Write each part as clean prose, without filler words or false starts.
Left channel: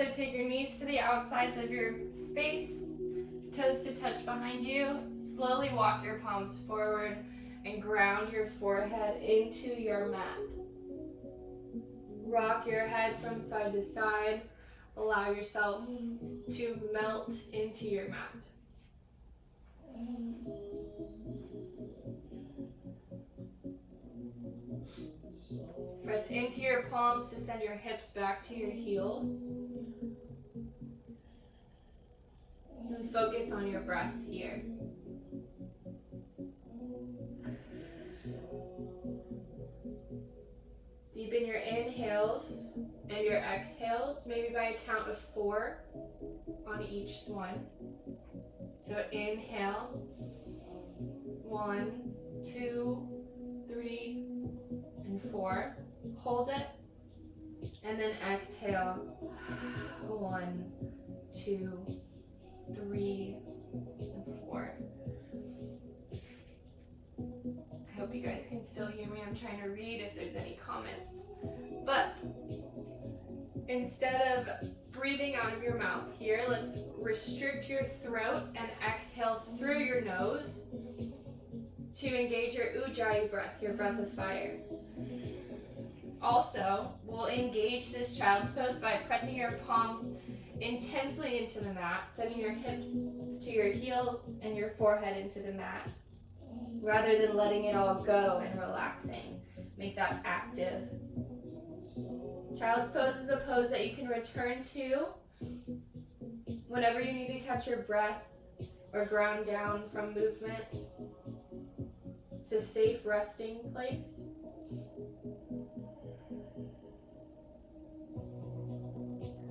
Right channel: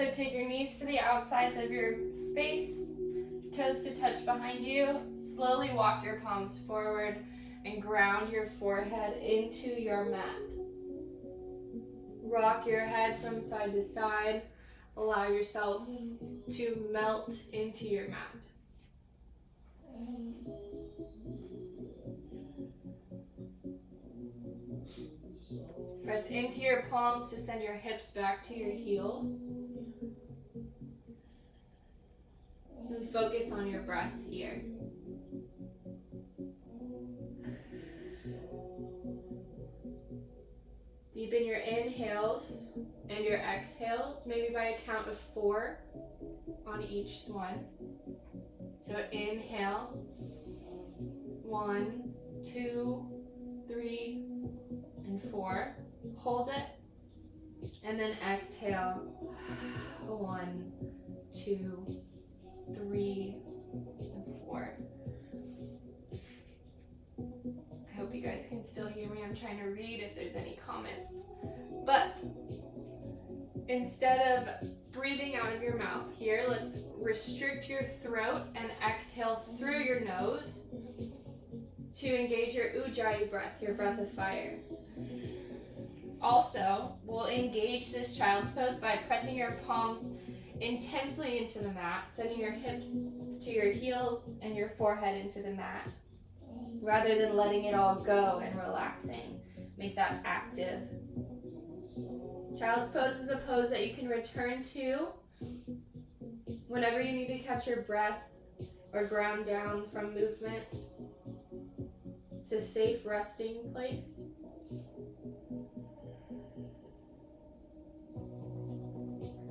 So take your knees to the outsides of your space, toes to touch behind you. Slowly walk your palms forward and ground your forehead into your mat. Rock your head from side to side. Allow yourself to melt into your mat. Press into your palms to send your hips back to your heels. And focus on your breath here. Deepen your inhales and your exhales, maybe by a count of 4 on each one. So inhale, 1, 2, 3, and 4. Hold it, and then exhale, 1, 2, 3, and 4. I hope you guys can still hear me. I'm trying to read if there's any comments. But instead of breathing out of your mouth here, let's restrict your throat and exhale through your nose to engage your ujjayi breath, your breath of fire. Also, we'll engage this child's pose by pressing your palms intensely into the mat, sending your hips to your heels and your forehead into the mat, rather than letting it all go and relaxing. Make that active. Child's pose is a pose that you can return to whenever you need to catch your breath or ground down from movement. It's a safe resting place.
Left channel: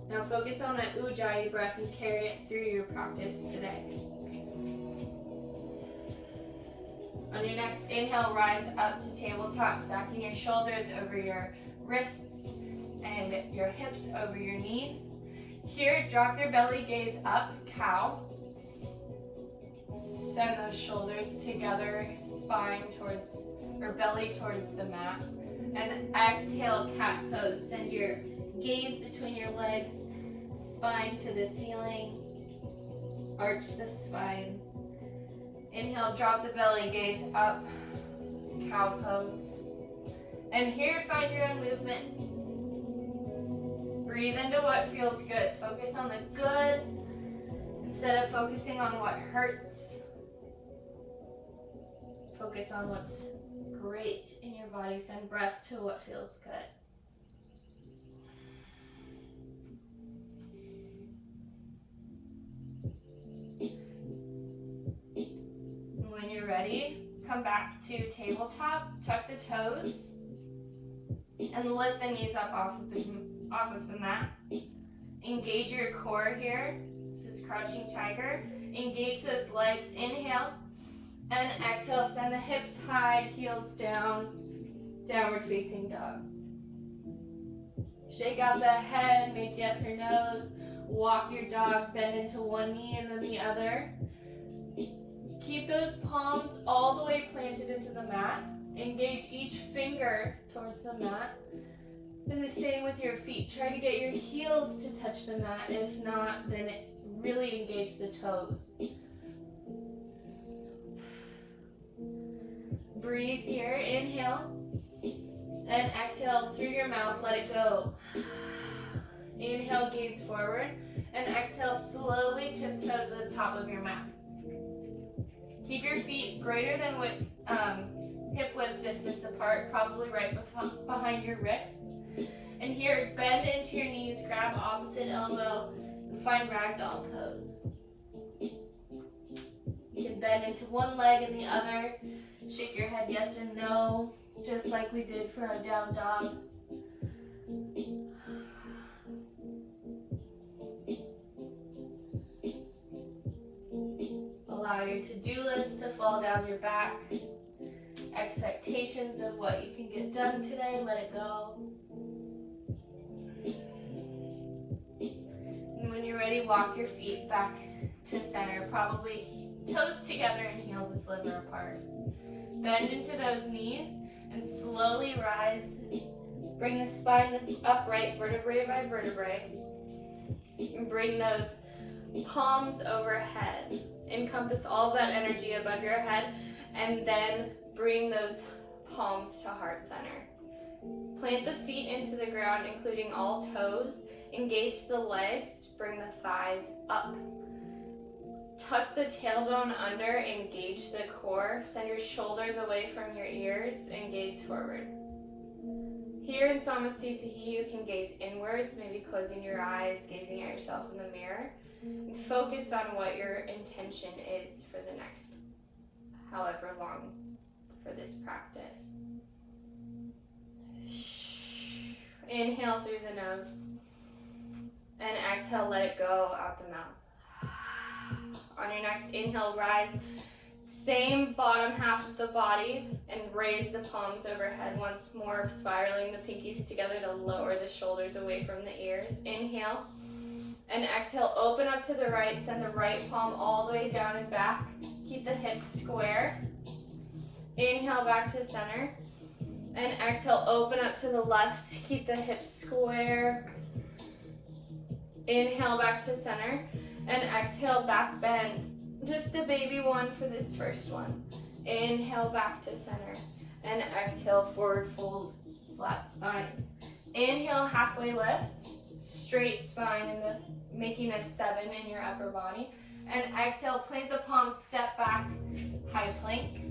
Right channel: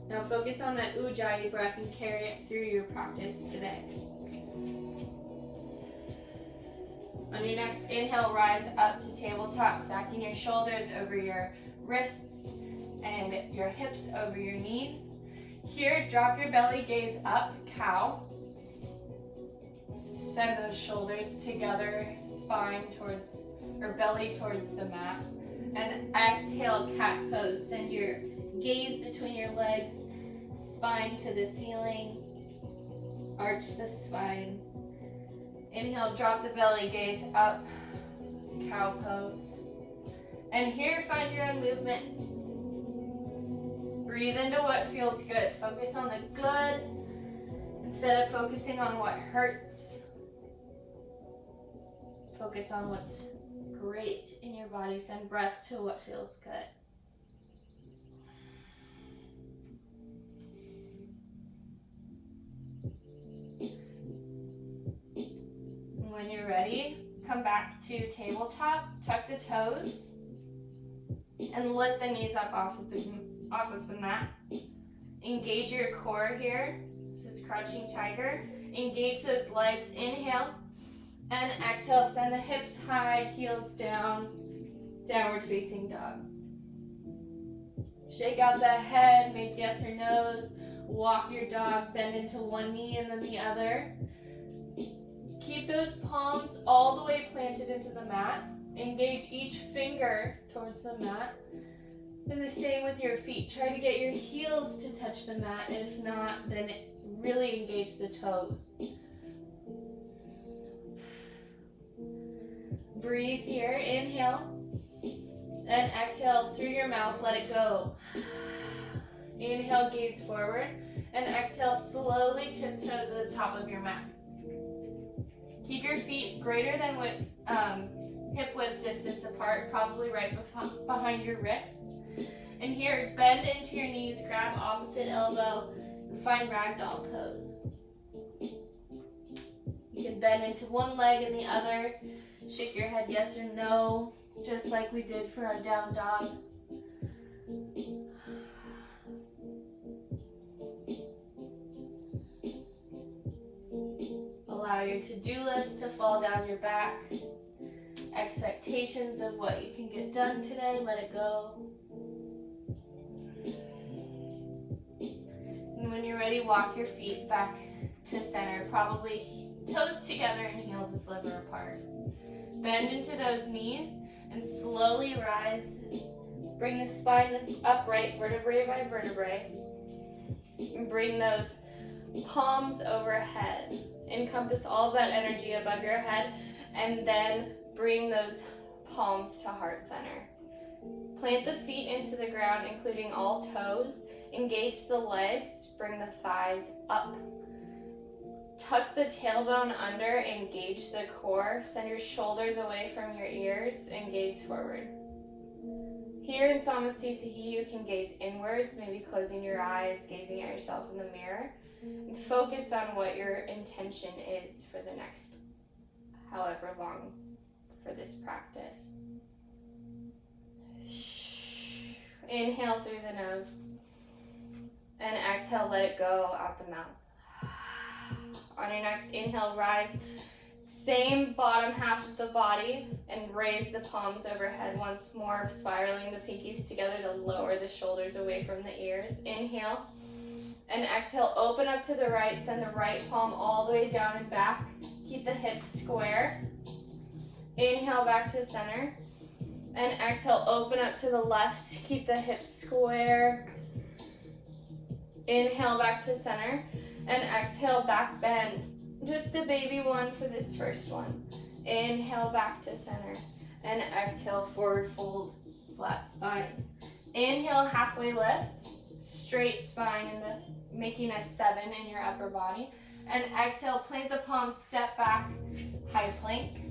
Now focus on that ujjayi breath and carry it through your practice today. On your next inhale, rise up to tabletop, stacking your shoulders over your wrists and your hips over your knees. Here, drop your belly gaze up, cow. Send those shoulders together, spine towards, or belly towards the mat. And exhale, cat pose. Send your gaze between your legs, spine to the ceiling. Arch the spine. Inhale, drop the belly, gaze up, cow pose. And here, find your own movement. Breathe into what feels good. Focus on the good instead of focusing on what hurts. Focus on what's great in your body. Send breath to what feels good. When you're ready, come back to tabletop, tuck the toes, and lift the knees up off of the mat. Engage your core here. This is crouching tiger. Engage those legs. Inhale, and exhale. Send the hips high, heels down, downward facing dog. Shake out the head, make yes or no's. Walk your dog, bend into one knee and then the other. Keep those palms all the way planted into the mat. Engage each finger towards the mat. And the same with your feet. Try to get your heels to touch the mat. If not, then really engage the toes. Breathe here. Inhale. And exhale through your mouth. Let it go. Inhale, gaze forward. And exhale, slowly tiptoe to the top of your mat. Keep your feet greater than hip width distance apart, probably right behind your wrists. And here, bend into your knees, grab opposite elbow, and find ragdoll pose. You can bend into one leg and the other. Shake your head yes or no, just like we did for our down dog. Allow your to-do list to fall down your back. Expectations of what you can get done today, let it go. And when you're ready, walk your feet back to center, probably toes together and heels a sliver apart. Bend into those knees and slowly rise. Bring the spine upright, vertebrae by vertebrae. And bring those palms overhead. Encompass all that energy above your head, and then bring those palms to heart center. Plant the feet into the ground, including all toes. Engage the legs, bring the thighs up. Tuck the tailbone under, engage the core. Send your shoulders away from your ears and gaze forward. Here in Samasthiti, you can gaze inwards, maybe closing your eyes, gazing at yourself in the mirror. And focus on what your intention is for the next however long for this practice. Inhale through the nose. And exhale, let it go out the mouth. On your next inhale, rise. Same bottom half of the body and raise the palms overhead once more, spiraling the pinkies together to lower the shoulders away from the ears. Inhale. And exhale, open up to the right. Send the right palm all the way down and back. Keep the hips square. Inhale back to center. And exhale, open up to the left. Keep the hips square. Inhale back to center. And exhale, back bend. Just a baby one for this first one. Inhale back to center. And exhale, forward fold, flat spine. Inhale, halfway lift. Straight spine, making a 7 in your upper body. And exhale, plant the palms, step back, high plank.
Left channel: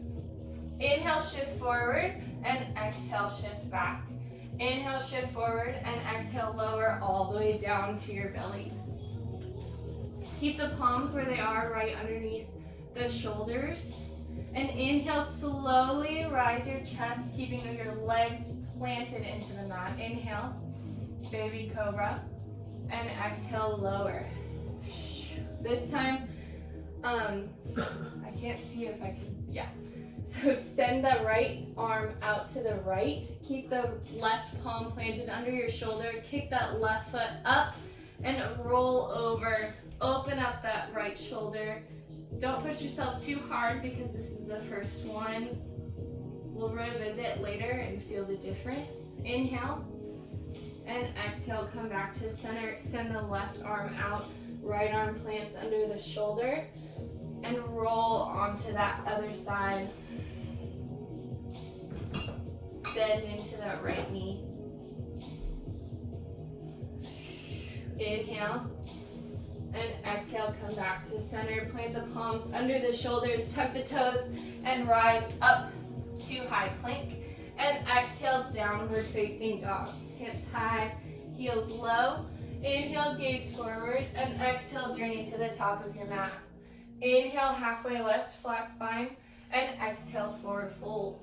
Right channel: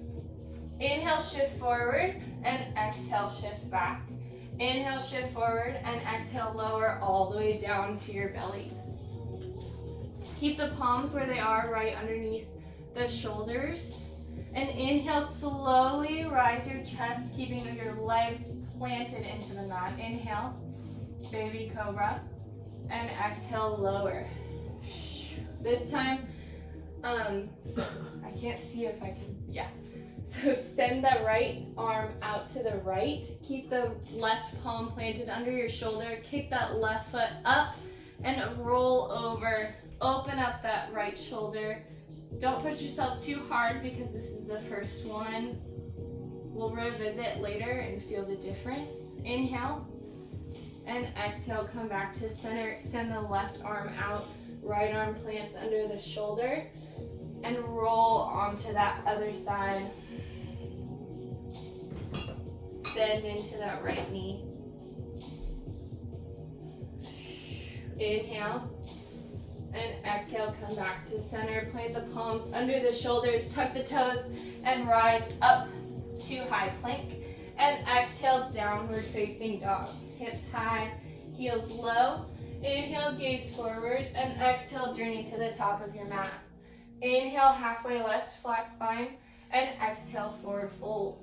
Inhale, shift forward, and exhale, shift back. Inhale, shift forward, and exhale, lower all the way down to your bellies. Keep the palms where they are, right underneath the shoulders. And inhale, slowly rise your chest, keeping your legs planted into the mat. Inhale, baby cobra, and exhale, lower. This time, I can't see if I can, yeah. So send that right arm out to the right. Keep the left palm planted under your shoulder. Kick that left foot up and roll over. Open up that right shoulder. Don't push yourself too hard because this is the first one. We'll revisit later and feel the difference. Inhale. And exhale, come back to center. Extend the left arm out. Right arm plants under the shoulder. And roll onto that other side. Bend into that right knee. Inhale. And exhale, come back to center. Plant the palms under the shoulders. Tuck the toes and rise up to high plank. And exhale, downward facing dog. Hips high, heels low. Inhale, gaze forward. And exhale, journey to the top of your mat. Inhale, halfway lift, flat spine. And exhale, forward fold.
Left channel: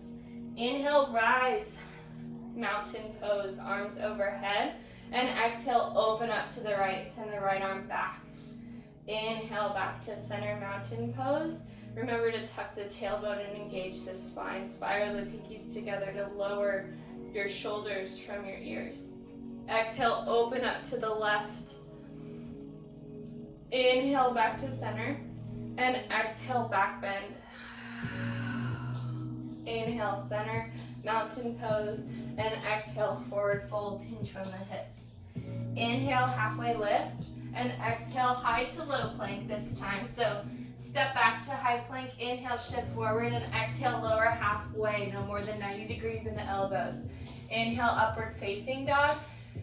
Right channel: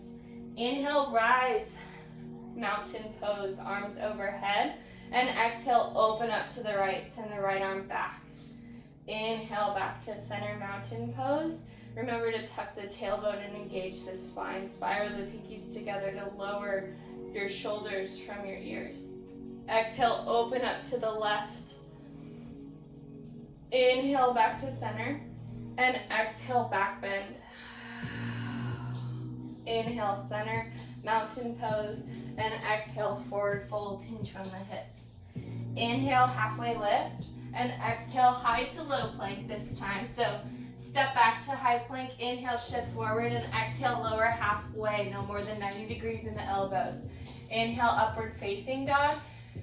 Inhale, rise, mountain pose, arms overhead. And exhale, open up to the right, send the right arm back. Inhale, back to center, mountain pose. Remember to tuck the tailbone and engage the spine. Spiral the pinkies together to lower your shoulders from your ears. Exhale, open up to the left. Inhale, back to center. And exhale, back bend. Inhale, center, mountain pose. And exhale, forward fold, hinge from the hips. Inhale, halfway lift. And exhale, high to low plank this time. So step back to high plank. Inhale, shift forward. And exhale, lower halfway, no more than 90 degrees in the elbows. Inhale, upward facing dog.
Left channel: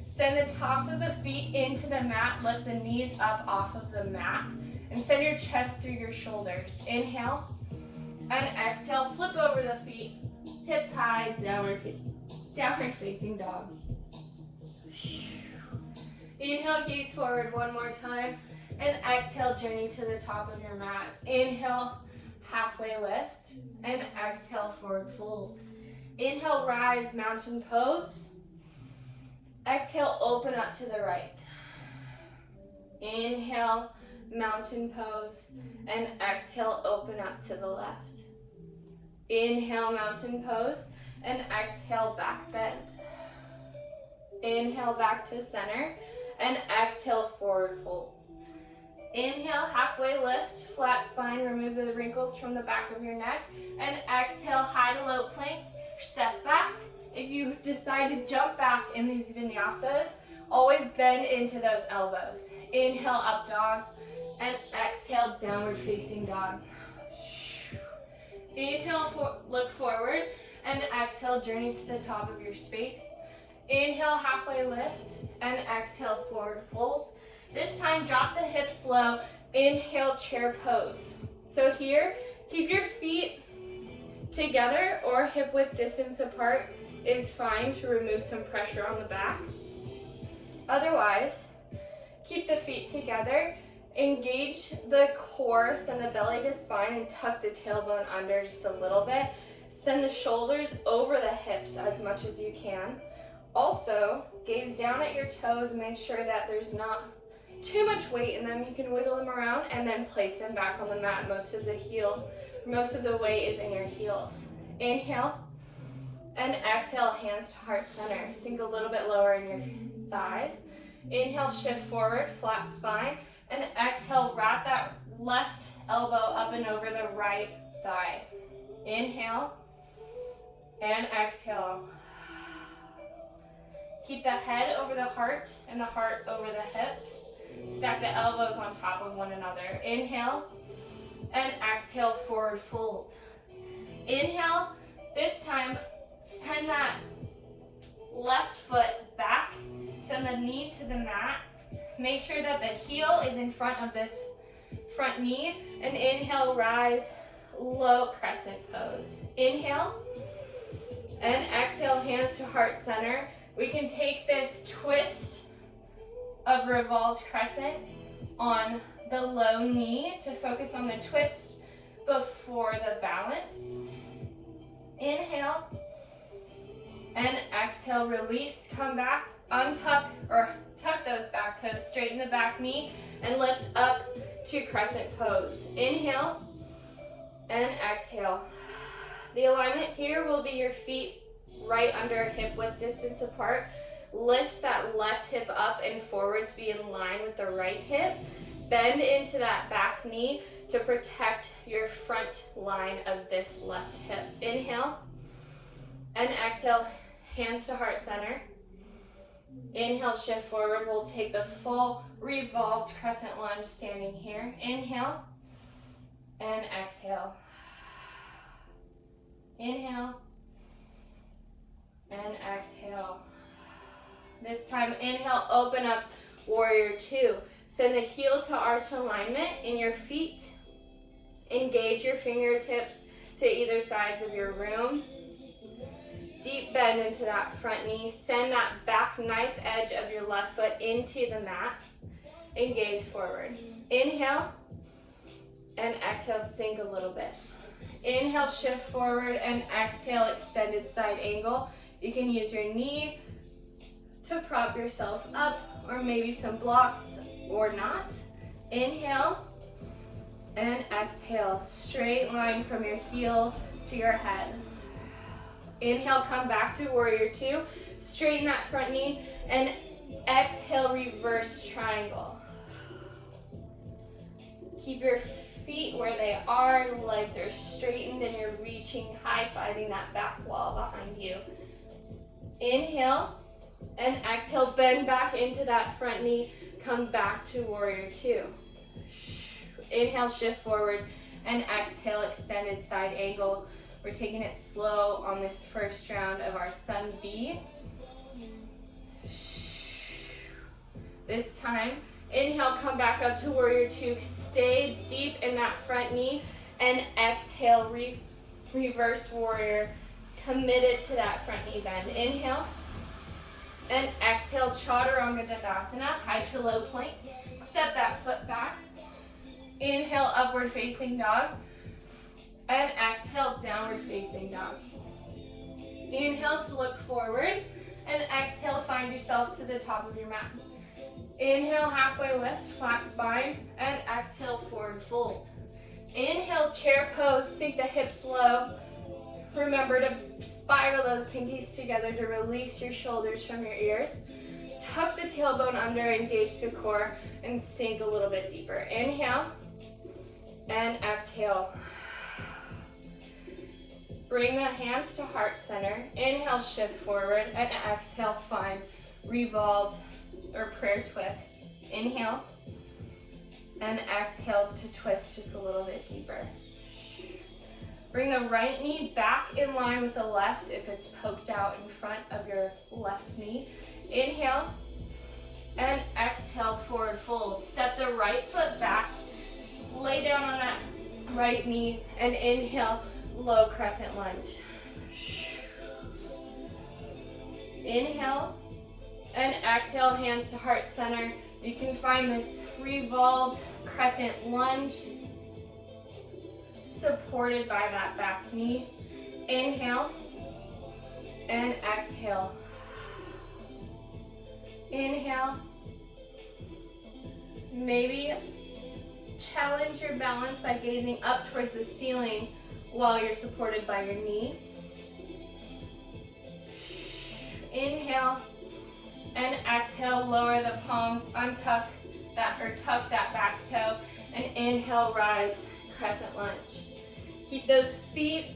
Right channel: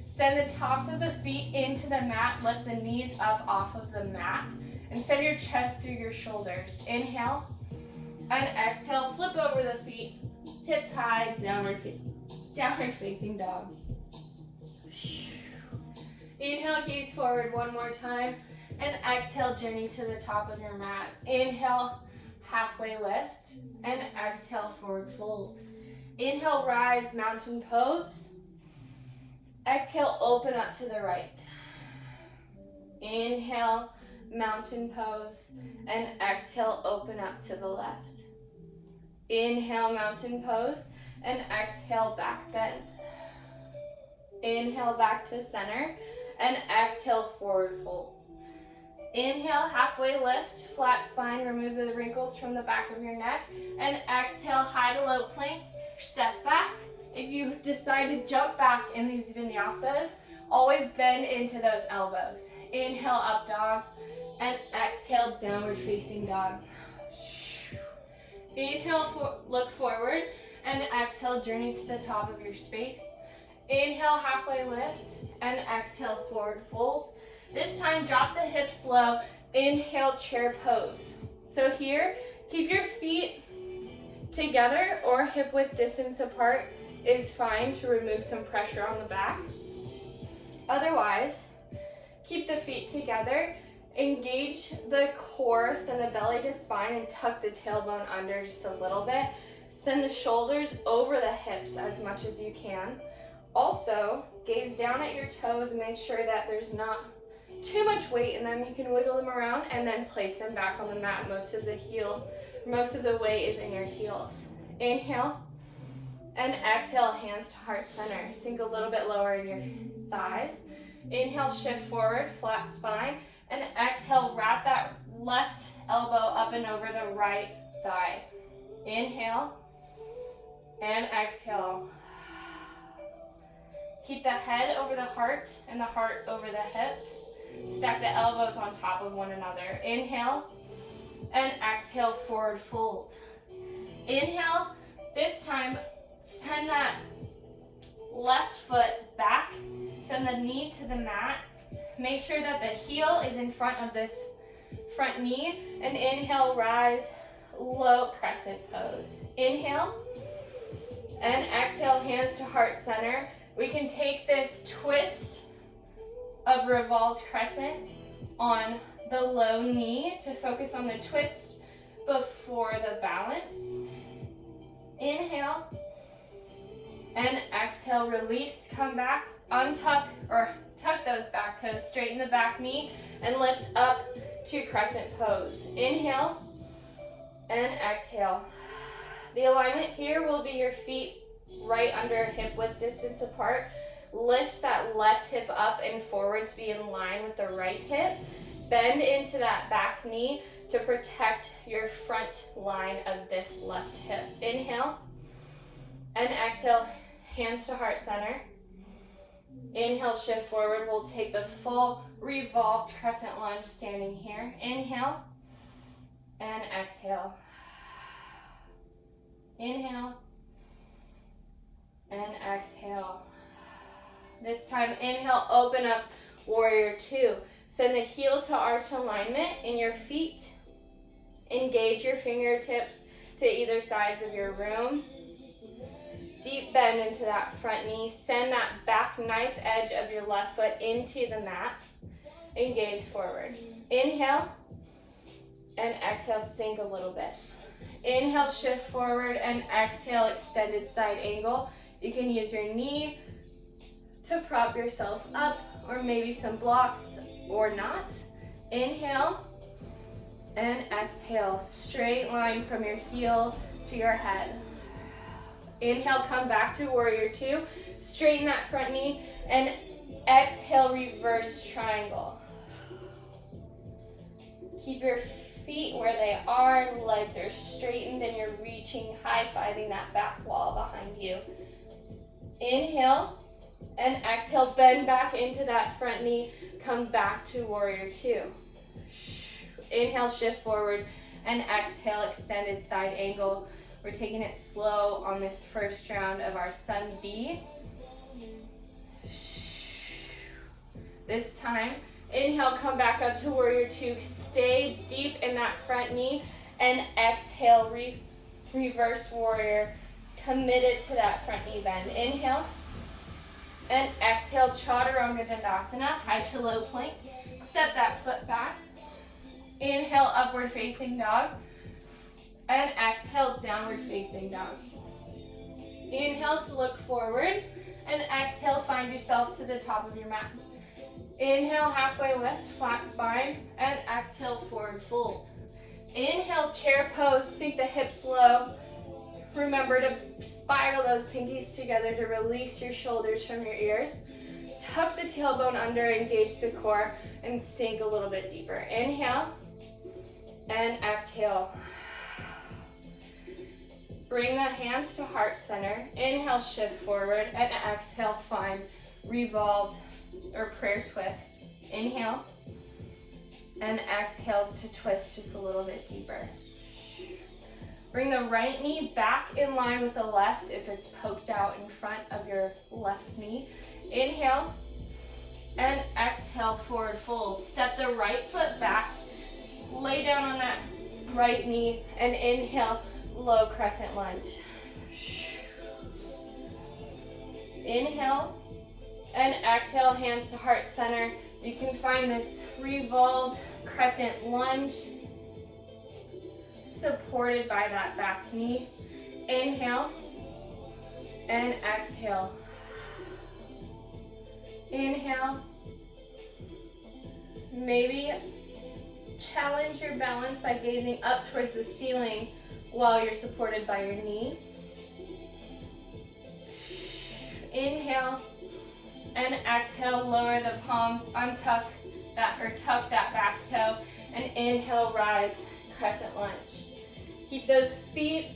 Send the tops of the feet into the mat. Lift the knees up off of the mat. And send your chest through your shoulders. Inhale. And exhale, flip over the feet. Hips high, downward facing dog. Inhale, gaze forward one more time. And exhale, journey to the top of your mat. Inhale, halfway lift. And exhale, forward fold. Inhale, rise, mountain pose. Exhale, open up to the right. Inhale, mountain pose. And exhale, open up to the left. Inhale, mountain pose. And exhale, back bend. Inhale, back to center. And exhale, forward fold. Inhale, halfway lift, flat spine. Remove the wrinkles from the back of your neck. And exhale, high to low plank. Step back. If you decide to jump back in these vinyasas, Always bend into those elbows. Inhale, up dog, and exhale, downward facing dog. Inhale, look forward, and exhale, journey to the top of your space. Inhale, halfway lift, and exhale, forward fold. This time, drop the hips low. Inhale, chair pose. So here, keep your feet together or hip width distance apart is fine to remove some pressure on the back. Otherwise, keep the feet together, engage the core, send the belly to spine, and tuck the tailbone under just a little bit. Send the shoulders over the hips as much as you can. Also, gaze down at your toes, make sure that there's not too much weight in them. You can wiggle them around and then place them back on the mat. Most of the weight is in your heels. Inhale and exhale, hands to heart center. Sink a little bit lower in your thighs. Inhale, shift forward, flat spine, and exhale, wrap that left elbow up and over the right thigh. Inhale and exhale. Keep the head over the heart and the heart over the hips. Stack the elbows on top of one another. Inhale and exhale, forward fold. Inhale, this time send that left foot back, send the knee to the mat. Make sure that the heel is in front of this front knee, and inhale, rise, low crescent pose. Inhale and exhale, hands to heart center. We can take this twist of revolved crescent on the low knee to focus on the twist before the balance. Inhale and exhale, release, come back, untuck or tuck those back toes, straighten the back knee, and lift up to crescent pose. Inhale and exhale. The alignment here will be your feet right under hip width distance apart. Lift that left hip up and forward to be in line with the right hip. Bend into that back knee to protect your front line of this left hip. Inhale and exhale, hands to heart center. Inhale, shift forward. We'll take the full revolved crescent lunge standing here. Inhale and exhale. Inhale and exhale. This time, inhale, open up, warrior two. Send the heel to arch alignment in your feet. Engage your fingertips to either sides of your room. Deep bend into that front knee. Send that back knife edge of your left foot into the mat and gaze forward. Inhale and exhale, sink a little bit. Inhale, shift forward, and exhale, extended side angle. You can use your knee to prop yourself up, or maybe some blocks or not. Inhale and exhale, straight line from your heel to your head. Inhale, come back to warrior two, straighten that front knee, and exhale, reverse triangle. Keep your feet where they are, legs are straightened, and you're reaching, high-fiving that back wall behind you. Inhale and exhale, bend back into that front knee, come back to warrior two. Inhale, shift forward, and exhale, extended side angle. We're taking it slow on this first round of our Sun B. This time, inhale, come back up to warrior two, stay deep in that front knee, and exhale, reverse warrior, committed to that front knee bend. Inhale, and exhale, Chaturanga Dandasana, high to low plank. Step that foot back. Inhale, upward facing dog. And exhale, downward facing dog. Inhale to look forward. And exhale, find yourself to the top of your mat. Inhale, halfway lift, flat spine. And exhale, forward fold. Inhale, chair pose, sink the hips low. Remember to spiral those pinkies together to release your shoulders from your ears. Tuck the tailbone under, engage the core, and sink a little bit deeper. Inhale and exhale. Bring the hands to heart center. Inhale, shift forward, and exhale, find revolved or prayer twist. Inhale, and exhales to twist just a little bit deeper. Bring the right knee back in line with the left if it's poked out in front of your left knee. Inhale, and exhale, forward fold. Step the right foot back, lay down on that right knee, and inhale, low crescent lunge. Inhale, and exhale, hands to heart center. You can find this revolved crescent lunge supported by that back knee. Inhale, and exhale. Inhale. Maybe challenge your balance by gazing up towards the ceiling while you're supported by your knee. Inhale, and exhale, lower the palms, untuck that or tuck that back toe, and inhale, rise, crescent lunge. Keep those feet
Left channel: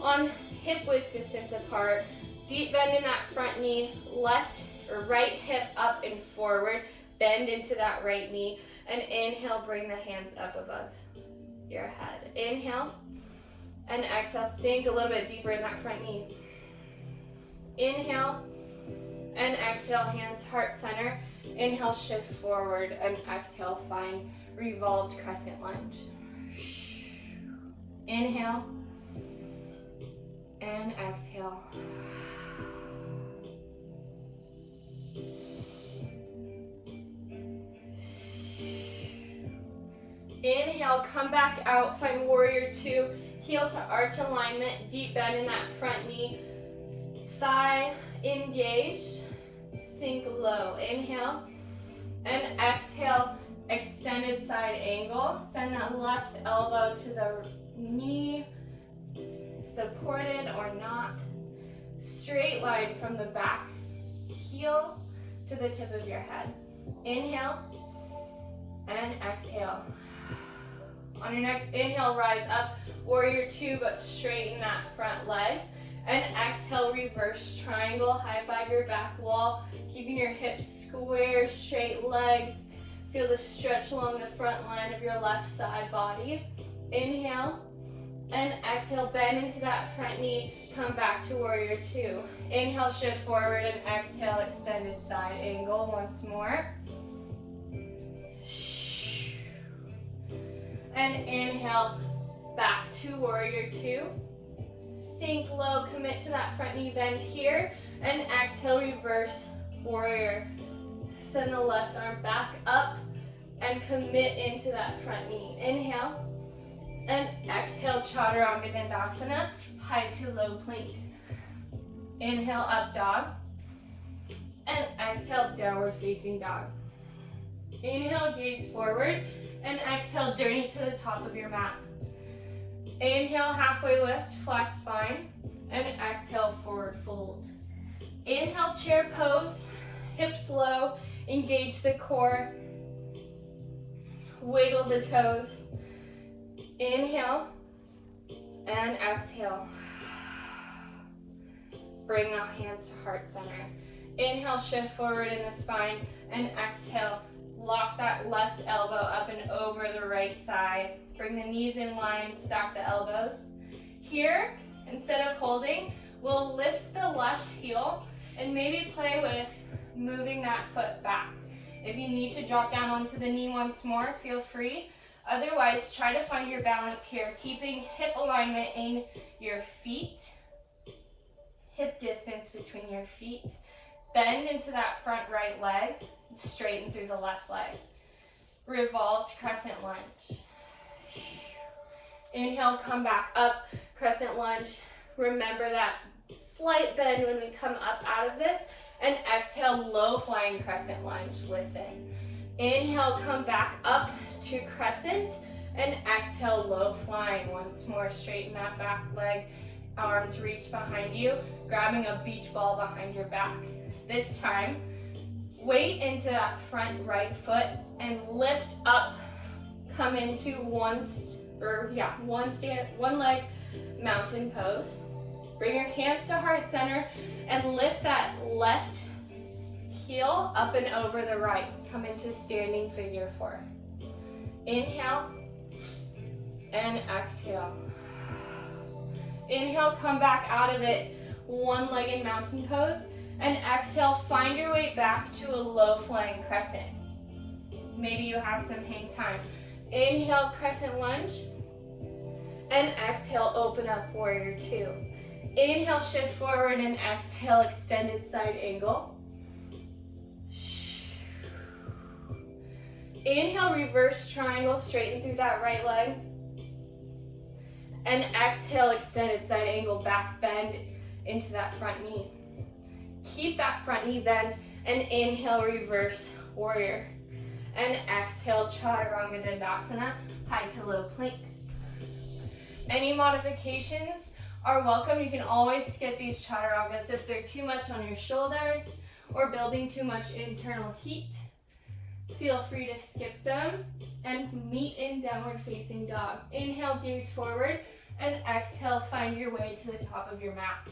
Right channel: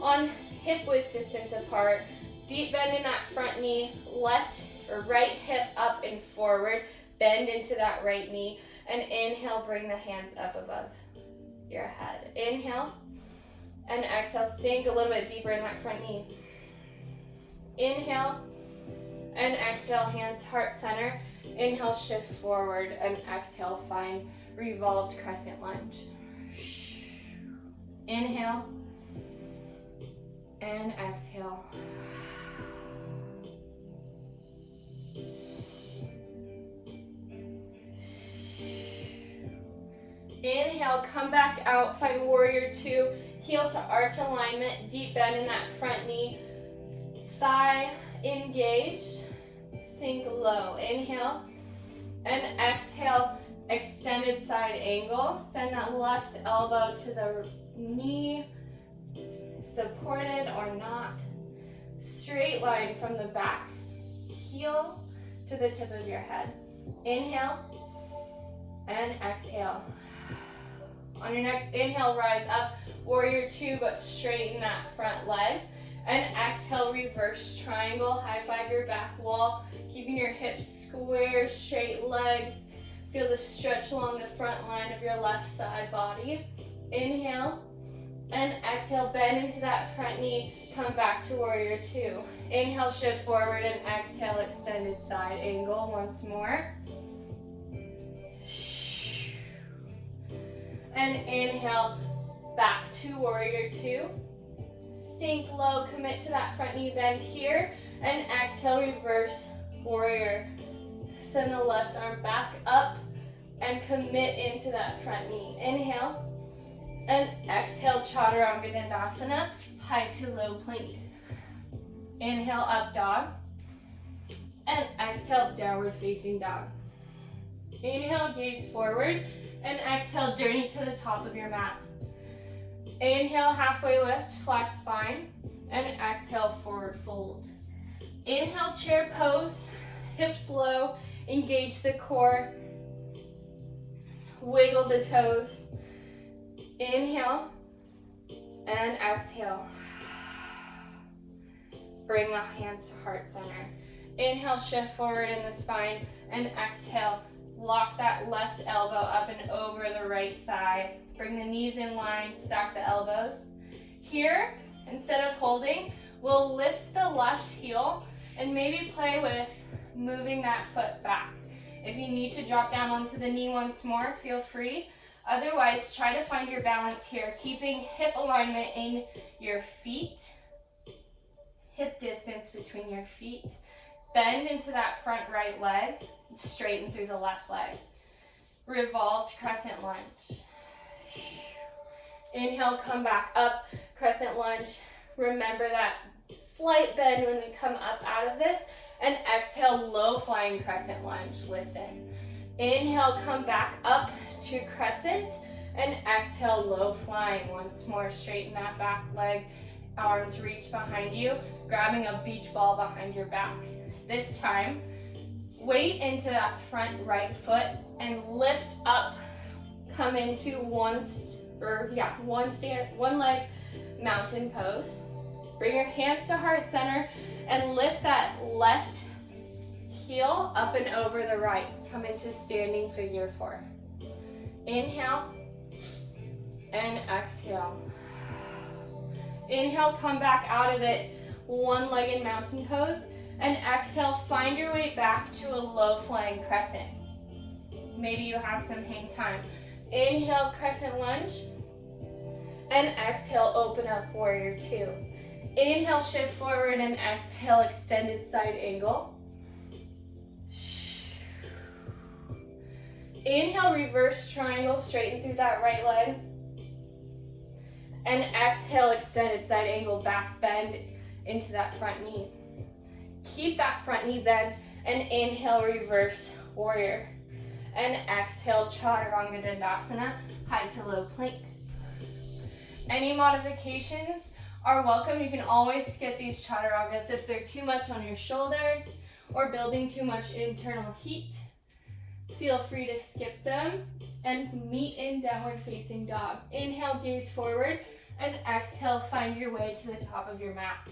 on hip width distance apart. Deep bend in that front knee, left or right hip up and forward. Bend into that right knee, and inhale, bring the hands up above your head. Inhale, and exhale, sink a little bit deeper in that front knee. Inhale, and exhale, hands heart center. Inhale, shift forward, and exhale, find revolved crescent lunge. Inhale, and exhale. Inhale, come back out, find warrior two, heel to arch alignment, deep bend in that front knee, thigh engaged, sink low. Inhale, and exhale, extended side angle. Send that left elbow to the knee, supported or not. Straight line from the back heel to the tip of your head. Inhale, and exhale. On your next inhale, rise up, warrior two, but straighten that front leg. And exhale, reverse triangle, high five your back wall, keeping your hips square, straight legs. Feel the stretch along the front line of your left side body. Inhale, and exhale, bend into that front knee, come back to warrior two. Inhale, shift forward, and exhale, extended side angle once more. And inhale, back to warrior two. Sink low, commit to that front knee bend here, and exhale, reverse warrior. Send the left arm back up and commit into that front knee. Inhale, and exhale, chaturanga dandasana, high to low plank. Inhale, up dog, and exhale, downward facing dog. Inhale, gaze forward, and exhale, journey to the top of your mat. Inhale, halfway lift, flat spine, and exhale, forward fold. Inhale, chair pose, hips low, engage the core, wiggle the toes. Inhale, and exhale. Bring the hands to heart center. Inhale, shift forward in the spine, and exhale, lock that left elbow up and over the right thigh. Bring the knees in line, stack the elbows. Here, instead of holding, we'll lift the left heel and maybe play with moving that foot back. If you need to drop down onto the knee once more, feel free. Otherwise, try to find your balance here, keeping hip alignment in your feet, hip distance between your feet. Bend into that front right leg, straighten through the left leg. Revolved crescent lunge. Inhale, come back up, crescent lunge. Remember that slight bend when we come up out of this. And exhale, low flying crescent lunge. Listen. Inhale, come back up to crescent. And exhale, low flying. Once more, straighten that back leg. Arms reach behind you, grabbing a beach ball behind your back. This time, weight into that front right foot and lift up. Come into one leg mountain pose. Bring your hands to heart center and lift that left heel up and over the right. Come into standing figure four. Inhale and exhale. Inhale, come back out of it, one-legged mountain pose, and exhale, find your way back to a low flying crescent. Maybe you have some hang time. Inhale, crescent lunge, and exhale, open up, warrior two. Inhale, shift forward, and exhale, extended side angle. Inhale, reverse triangle, straighten through that right leg. And exhale, extended side angle, back bend into that front knee. Keep that front knee bent, and inhale, reverse warrior. And exhale, chaturanga dandasana, high to low plank. Any modifications are welcome. You can always skip these chaturangas if they're too much on your shoulders or building too much internal heat. Feel free to skip them and meet in downward facing dog. Inhale, gaze forward, and exhale, find your way to the top of your mat.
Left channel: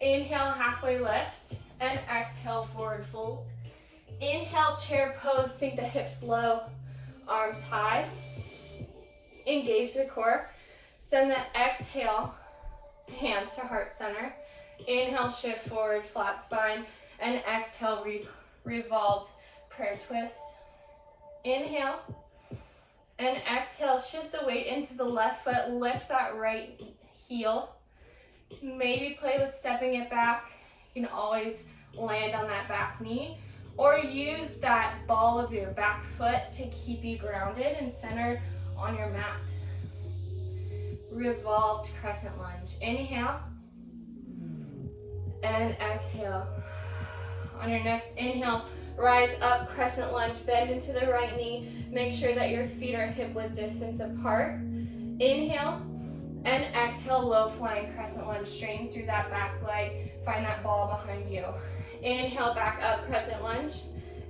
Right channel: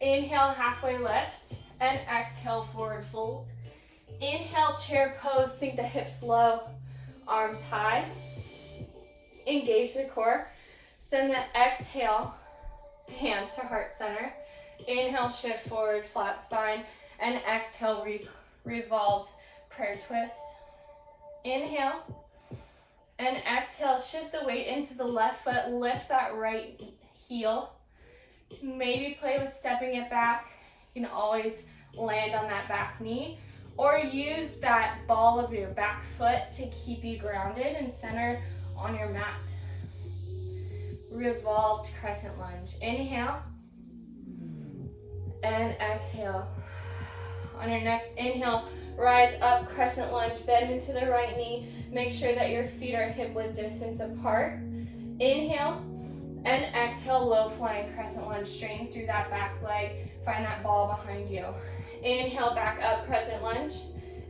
Inhale, halfway lift, and exhale, forward fold. Inhale, chair pose, sink the hips low, arms high. Engage the core. Send the exhale, hands to heart center. Inhale, shift forward, flat spine, and exhale, revolved prayer twist. Inhale, and exhale, shift the weight into the left foot, lift that right heel. Maybe play with stepping it back. You can always land on that back knee, or use that ball of your back foot to keep you grounded and centered on your mat. Revolved crescent lunge. Inhale, and exhale. On your next inhale, rise up, crescent lunge, bend into the right knee. Make sure that your feet are hip width distance apart. Inhale, and exhale, low flying crescent lunge, straighten through that back leg. Find that ball behind you. Inhale, back up, crescent lunge,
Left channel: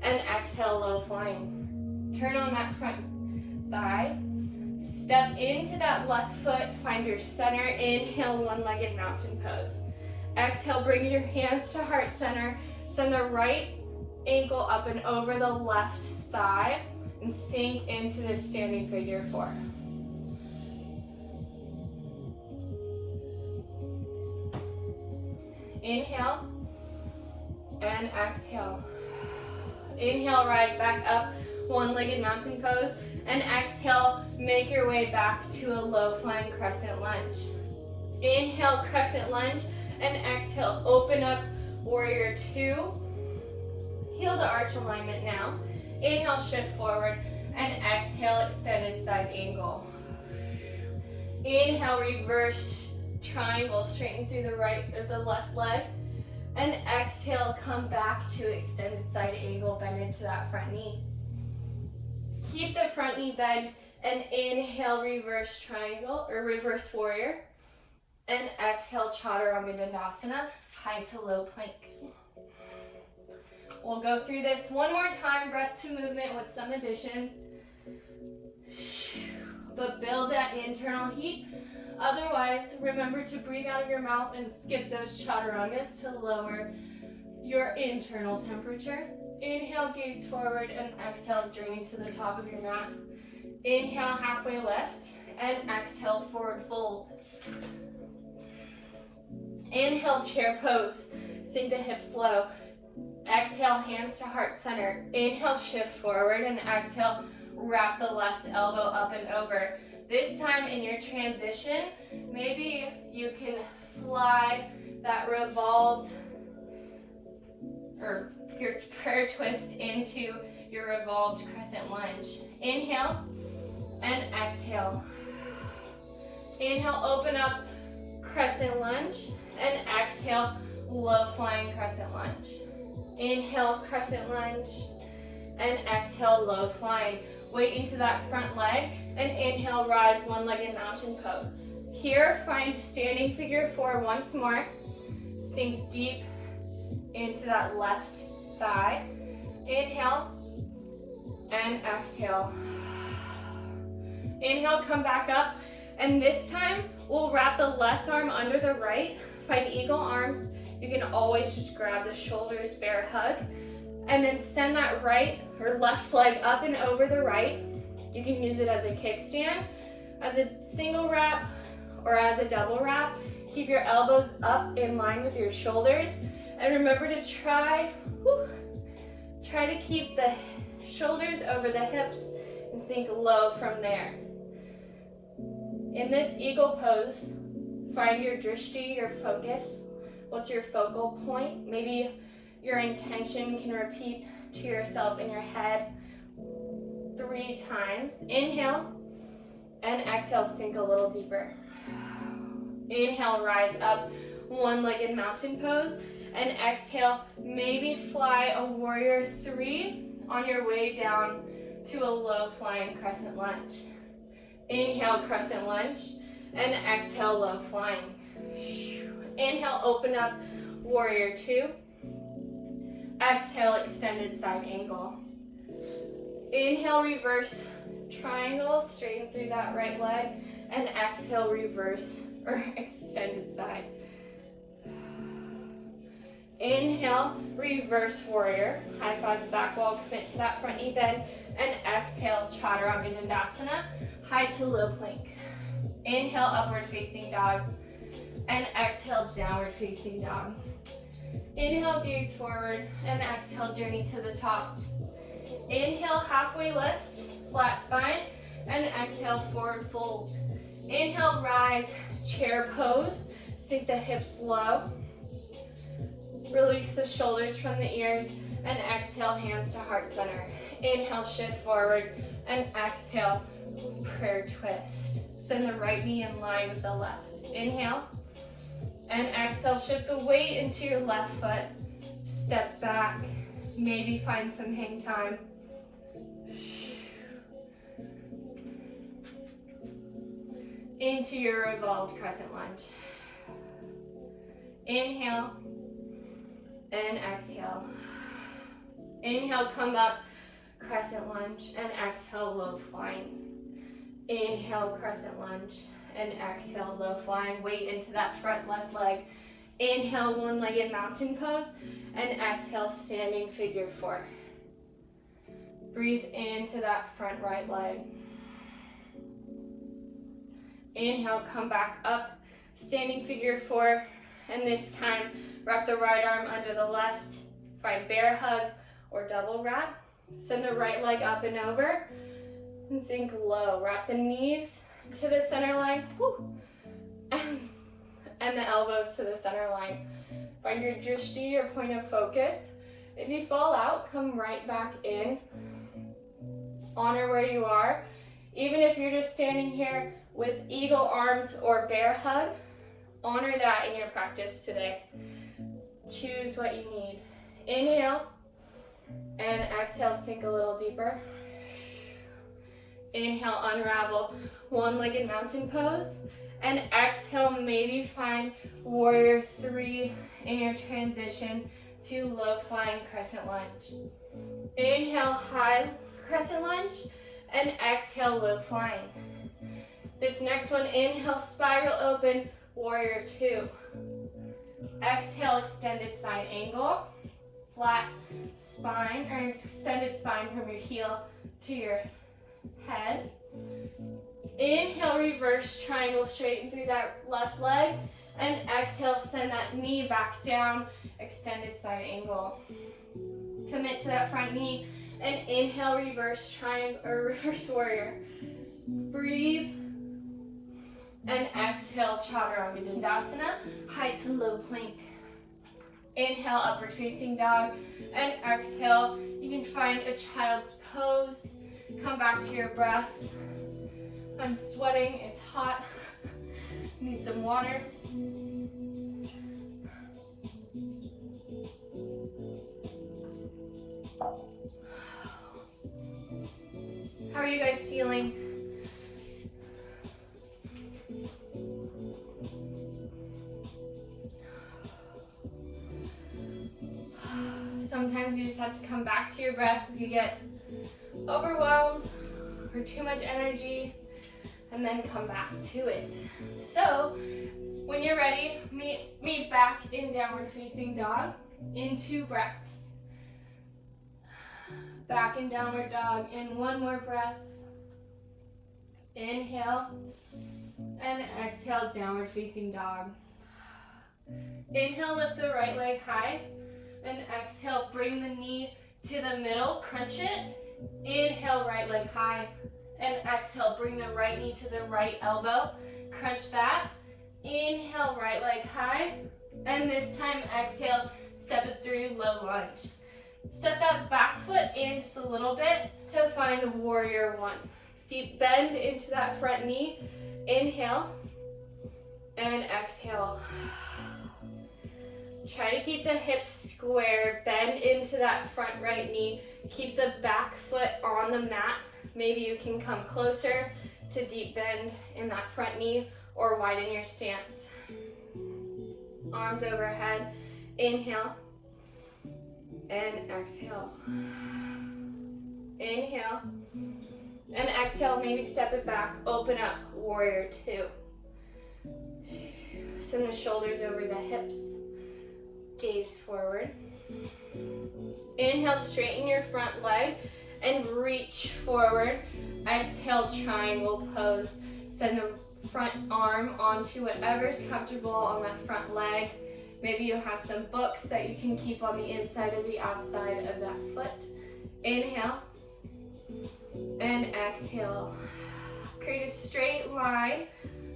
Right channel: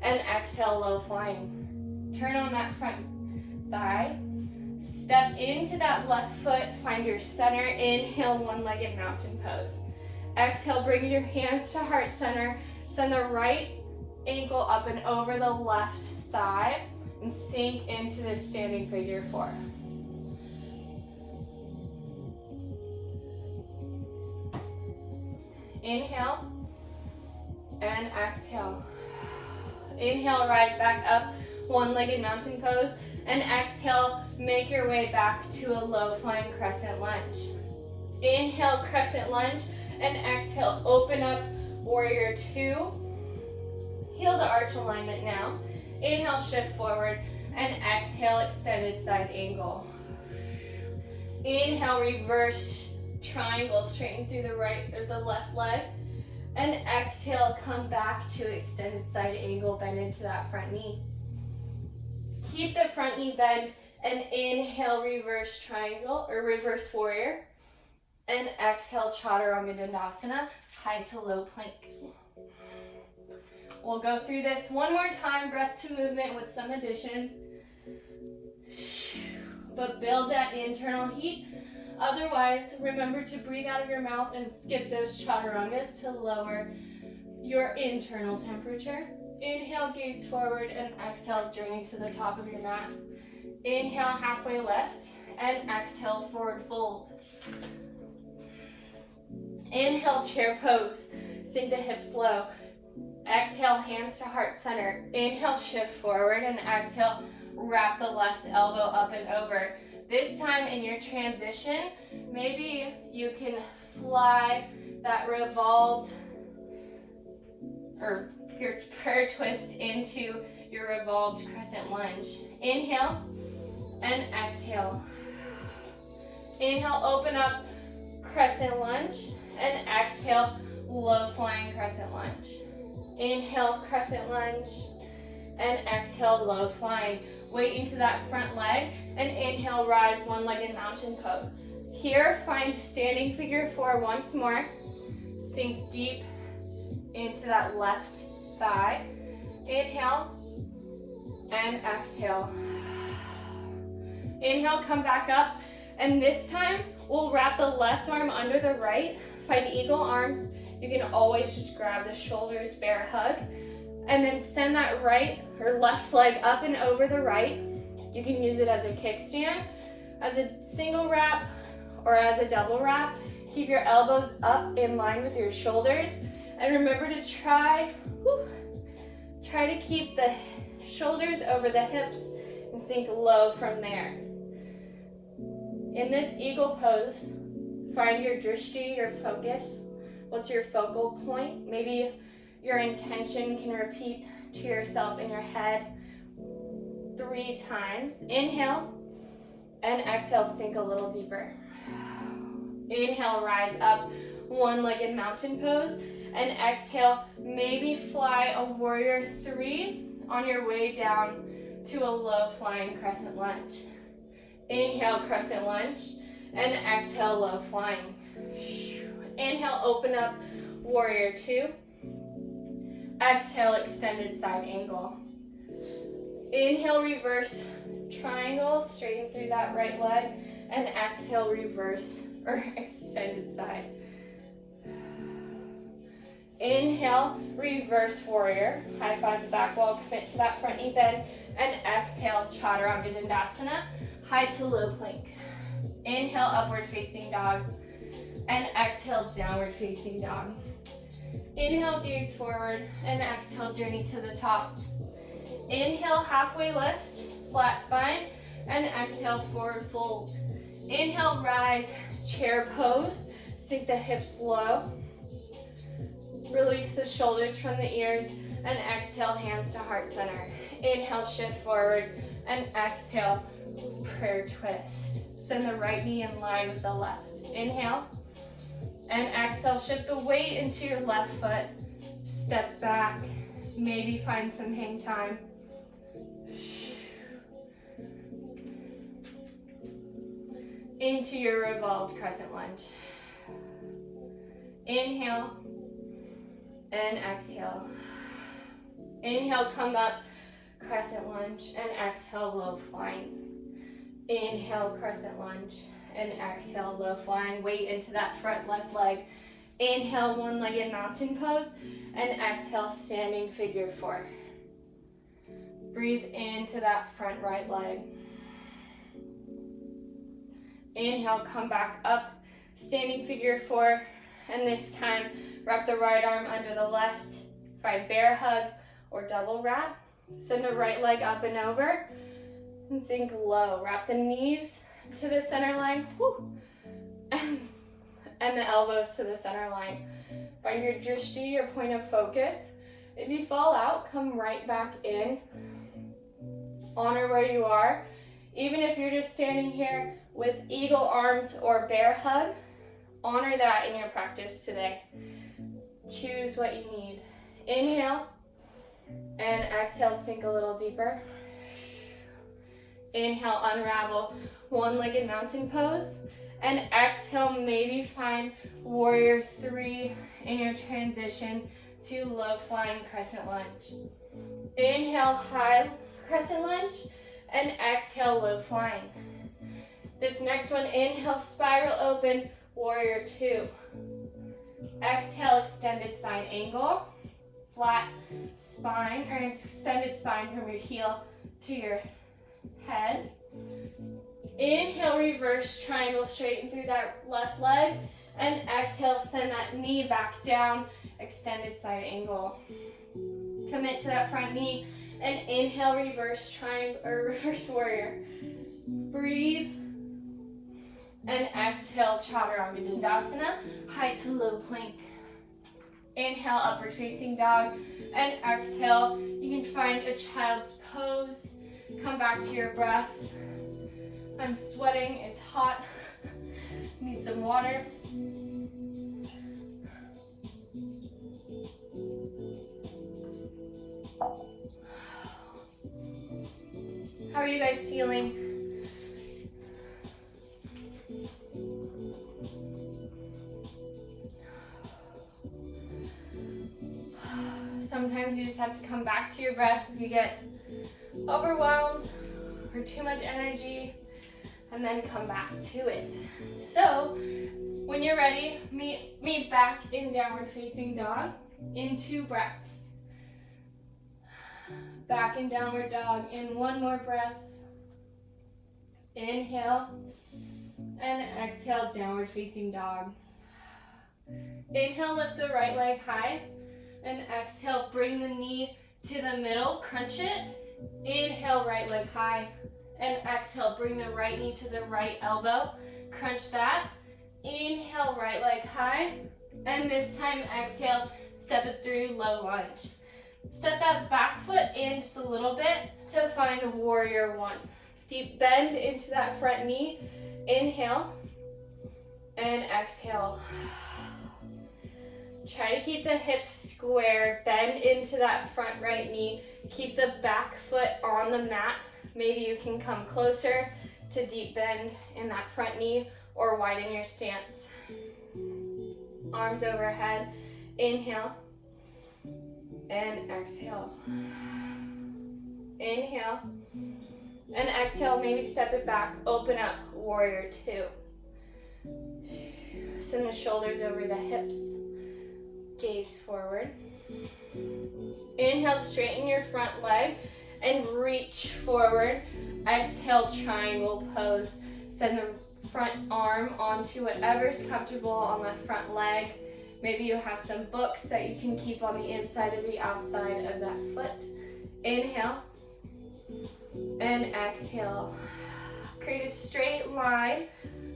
and exhale, low flying. Turn on that front thigh. Step into that left foot, find your center. Inhale, one-legged mountain pose. Exhale, bring your hands to heart center. Send the right ankle up and over the left thigh, and sink into this standing figure four. Inhale, and exhale. Inhale, rise back up, one-legged mountain pose, and exhale, make your way back to a low flying crescent lunge. Inhale, crescent lunge, and exhale, open up, warrior two. Heel to arch alignment now. Inhale, shift forward, and exhale, extended side angle. Inhale, reverse triangle, straighten through the right or the left leg. And exhale, come back to extended side angle, bend into that front knee. Keep the front knee bent, and inhale, reverse triangle or reverse warrior. And exhale, chaturanga dandasana, high to low plank. We'll go through this one more time, breath to movement with some additions. But build that internal heat. Otherwise, remember to breathe out of your mouth and skip those chaturangas to lower your internal temperature. Inhale, gaze forward, and exhale, journey to the top of your mat. Inhale, halfway lift, and exhale, forward fold. Inhale, chair pose, sink the hips low. Exhale, hands to heart center. Inhale, shift forward, and exhale, wrap the left elbow up and over. This time in your transition, maybe you can fly that revolved or your prayer twist into your revolved crescent lunge. Inhale and exhale. Inhale, open up, crescent lunge, and exhale, low flying crescent lunge. Inhale, crescent lunge, and exhale, low flying. Weight into that front leg, and inhale, rise, one-legged mountain pose. Here, find standing figure four once more. Sink deep into that left thigh. Inhale, and exhale. Inhale, come back up, and this time, we'll wrap the left arm under the right. Find eagle arms. You can always just grab the shoulders, bear hug. And then send that right or left leg up and over the right. You can use it as a kickstand, as a single wrap, or as a double wrap. Keep your elbows up in line with your shoulders. And remember to try to keep the shoulders over the hips and sink low from there. In this eagle pose, find your drishti, your focus. What's your focal point? Maybe your intention can repeat to yourself in your head 3 times. Inhale and exhale, sink a little deeper. Inhale, rise up, one-legged mountain pose. And exhale, maybe fly a warrior 3 on your way down to a low flying crescent lunge. Inhale, crescent lunge, and exhale, low flying. Inhale, open up, warrior 2. Exhale, extended side angle. Inhale, reverse triangle, straighten through that right leg, and exhale, reverse or extended side. Inhale, reverse warrior. High five the back wall, commit to that front knee bend, and exhale, chaturanga dandasana, high to low plank. Inhale, upward facing dog, and exhale, downward facing dog. Inhale, gaze forward, and exhale, journey to the top. Inhale, halfway lift, flat spine, and exhale, forward fold. Inhale, rise, chair pose, sink the hips low. Release the shoulders from the ears, and exhale, hands to heart center. Inhale, shift forward, and exhale, prayer twist. Send the right knee in line with the left. Inhale, and exhale, shift the weight into your left foot. Step back, maybe find some hang time. Into your revolved crescent lunge. Inhale, and exhale. Inhale, come up, crescent lunge, and exhale, low flying. Inhale, crescent lunge, and exhale, low flying. Weight into that front left leg. Inhale, one-legged mountain pose, and exhale, standing figure 4. Breathe into that front right leg. Inhale, come back up, standing figure 4, and this time, wrap the right arm under the left, find bear hug or double wrap. Send the right leg up and over, and sink low. Wrap the knees to the center line, and the elbows to the center line. Find your drishti, your point of focus. If you fall out, come right back in. Honor where you are. Even if you're just standing here with eagle arms or bear hug, honor that in your practice today. Choose what you need. Inhale, and exhale, sink a little deeper. Inhale, unravel, one-legged mountain pose. And exhale, maybe find warrior 3 in your transition to low flying crescent lunge. Inhale, high crescent lunge, and exhale, low flying. This next one, inhale, spiral open, warrior 2. Exhale, extended side angle, flat spine, or extended spine from your heel to your head. Inhale, reverse triangle, straighten through that left leg, and exhale, send that knee back down, extended side angle. Commit to that front knee, and inhale, reverse triangle, or reverse warrior. Breathe, and exhale, chaturanga dandasana, high to low plank. Inhale, upward facing dog, and exhale, you can find a child's pose. Come back to your breath. I'm sweating, it's hot. Need some water. How are you guys feeling? Sometimes you just have to come back to your breath if you get overwhelmed or too much energy, and then come back to it. So, when you're ready, meet back in downward facing dog in 2 breaths. Back in downward dog. In one more breath. Inhale. And exhale, downward facing dog. Inhale, lift the right leg high. And exhale, bring the knee to the middle, crunch it. Inhale, right leg high. And exhale, bring the right knee to the right elbow. Crunch that. Inhale, right leg high. And this time, exhale, step it through, low lunge. Step that back foot in just a little bit to find warrior one. Deep bend into that front knee. Inhale. And exhale. Try to keep the hips square. Bend into that front right knee. Keep the back foot on the mat. Maybe you can come closer to deep bend in that front knee or widen your stance. Arms overhead. Inhale. And exhale. Inhale. And exhale. Maybe step it back. Open up. Warrior two. Send the shoulders over the hips. Gaze forward. Inhale, straighten your front leg and reach forward. Exhale, triangle pose. Send the front arm onto whatever's comfortable on that front leg. Maybe you have some books that you can keep on the inside or the outside of that foot. Inhale and exhale. Create a straight line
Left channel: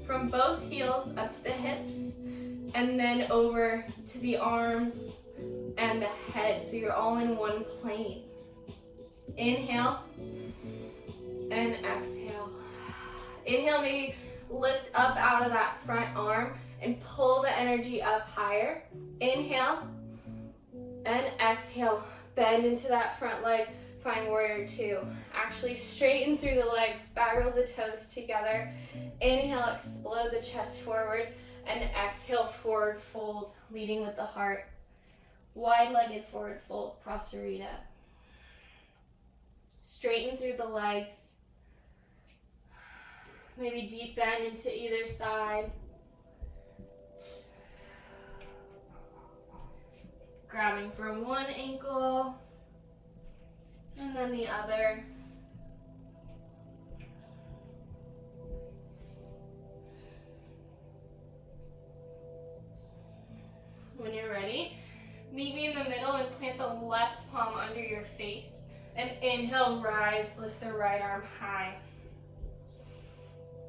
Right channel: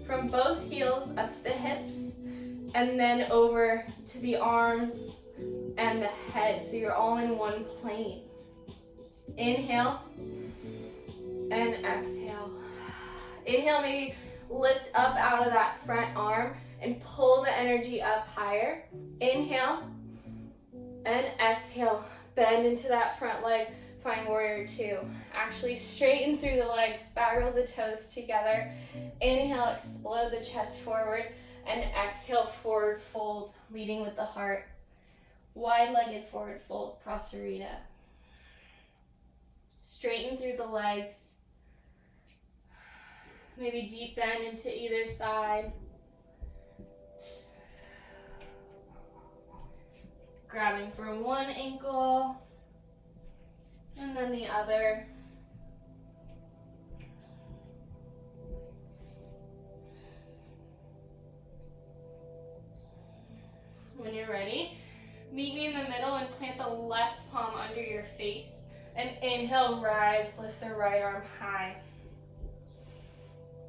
from both heels up to the hips and then over to the arms and the head, so you're all in one plane. Inhale and exhale. Inhale, maybe lift up out of that front arm and pull the energy up higher. Inhale and exhale. Bend into that front leg. Find warrior two. Actually straighten through the legs, spiral the toes together. Inhale, explode the chest forward, and exhale, forward fold, leading with the heart. Wide-legged forward fold, Prasarita. Straighten through the legs. Maybe deep bend into either side. Grabbing from one ankle and then the other. When you're ready, meet me in the middle and plant the left palm under your face. And inhale, rise, lift the right arm high.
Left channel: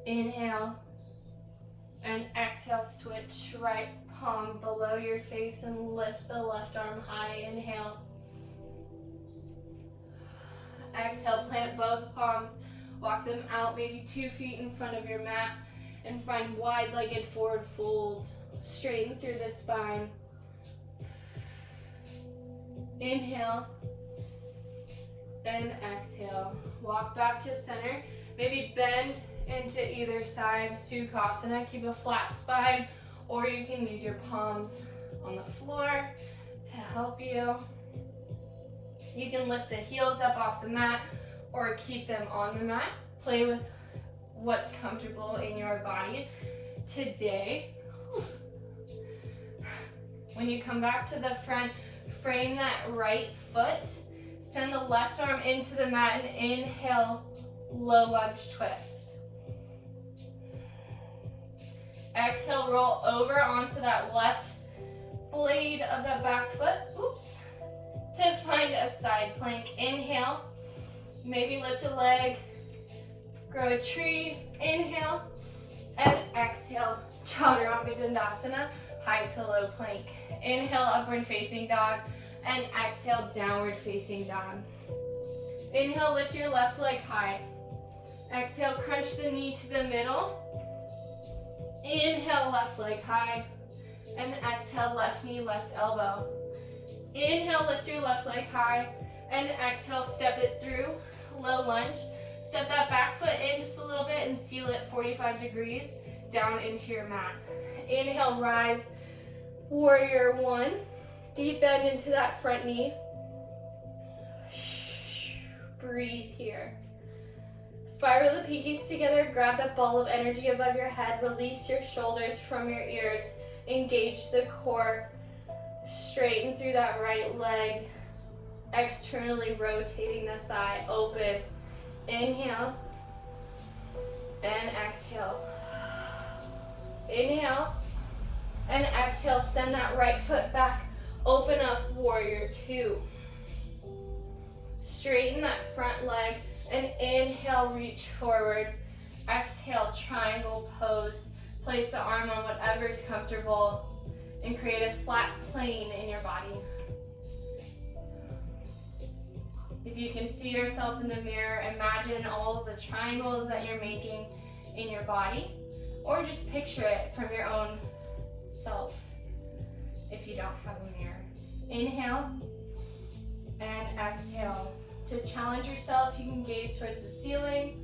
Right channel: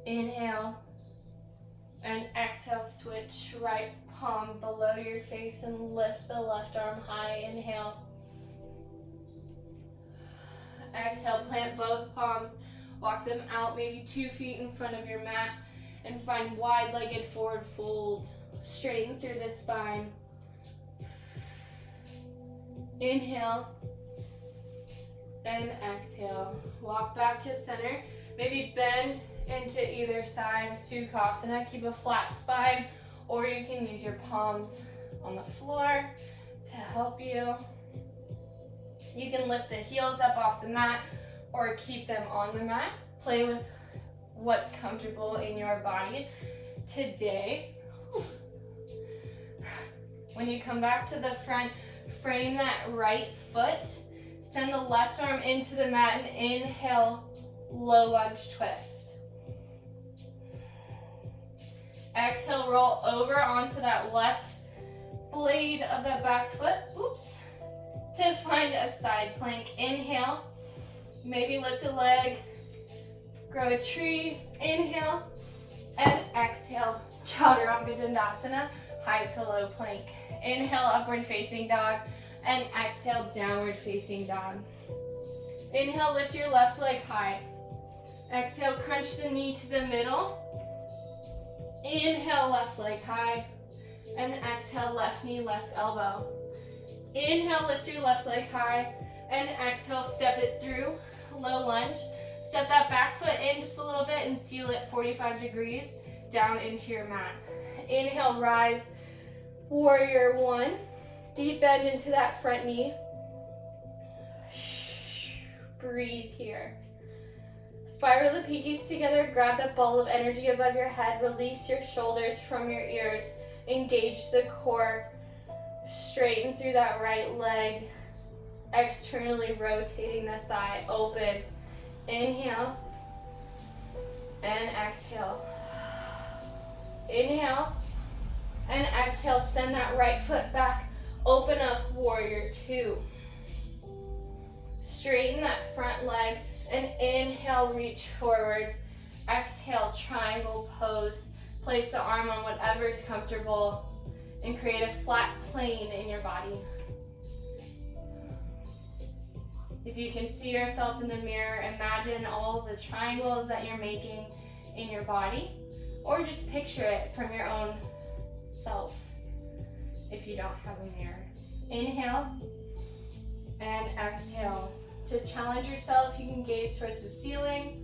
Inhale. And exhale, switch right palm below your face and lift the left arm high. Inhale. Exhale, plant both palms. Walk them out maybe 2 feet in front of your mat and find wide-legged forward fold. Straighten through the spine. Inhale and exhale. Walk back to center. Maybe bend into either side. Sukhasana. Keep a flat spine, or you can use your palms on the floor to help you. You can lift the heels up off the mat or keep them on the mat. Play with what's comfortable in your body today. When you come back to the front, frame that right foot. Send the left arm into the mat and inhale, low lunge twist. Exhale, roll over onto that left blade of that back foot. Oops. To find a side plank. Inhale. Maybe lift a leg. Grow a tree. Inhale. And exhale. Chaturanga Dandasana. High to low plank. Inhale, upward facing dog. And exhale, downward facing dog. Inhale, lift your left leg high. Exhale, crunch the knee to the middle. Inhale, left leg high. And exhale, left knee, left elbow. Inhale, lift your left leg high. And exhale, step it through, low lunge. Step that back foot in just a little bit and seal it 45 degrees down into your mat. Inhale, rise, warrior one. Deep bend into that front knee. Breathe here. Spiral the pinkies together, grab that ball of energy above your head, release your shoulders from your ears, engage the core, straighten through that right leg. externally rotating the thigh, open. Inhale and exhale. Inhale and exhale, send that right foot back. Open up, warrior two. Straighten that front leg and inhale, reach forward. Exhale, triangle pose. Place the arm on whatever is comfortable and create a flat plane in your body. If you can see yourself in the mirror, imagine all of the triangles that you're making in your body, or just picture it from your own self if you don't have a mirror. Inhale and exhale. To challenge yourself, you can gaze towards the ceiling.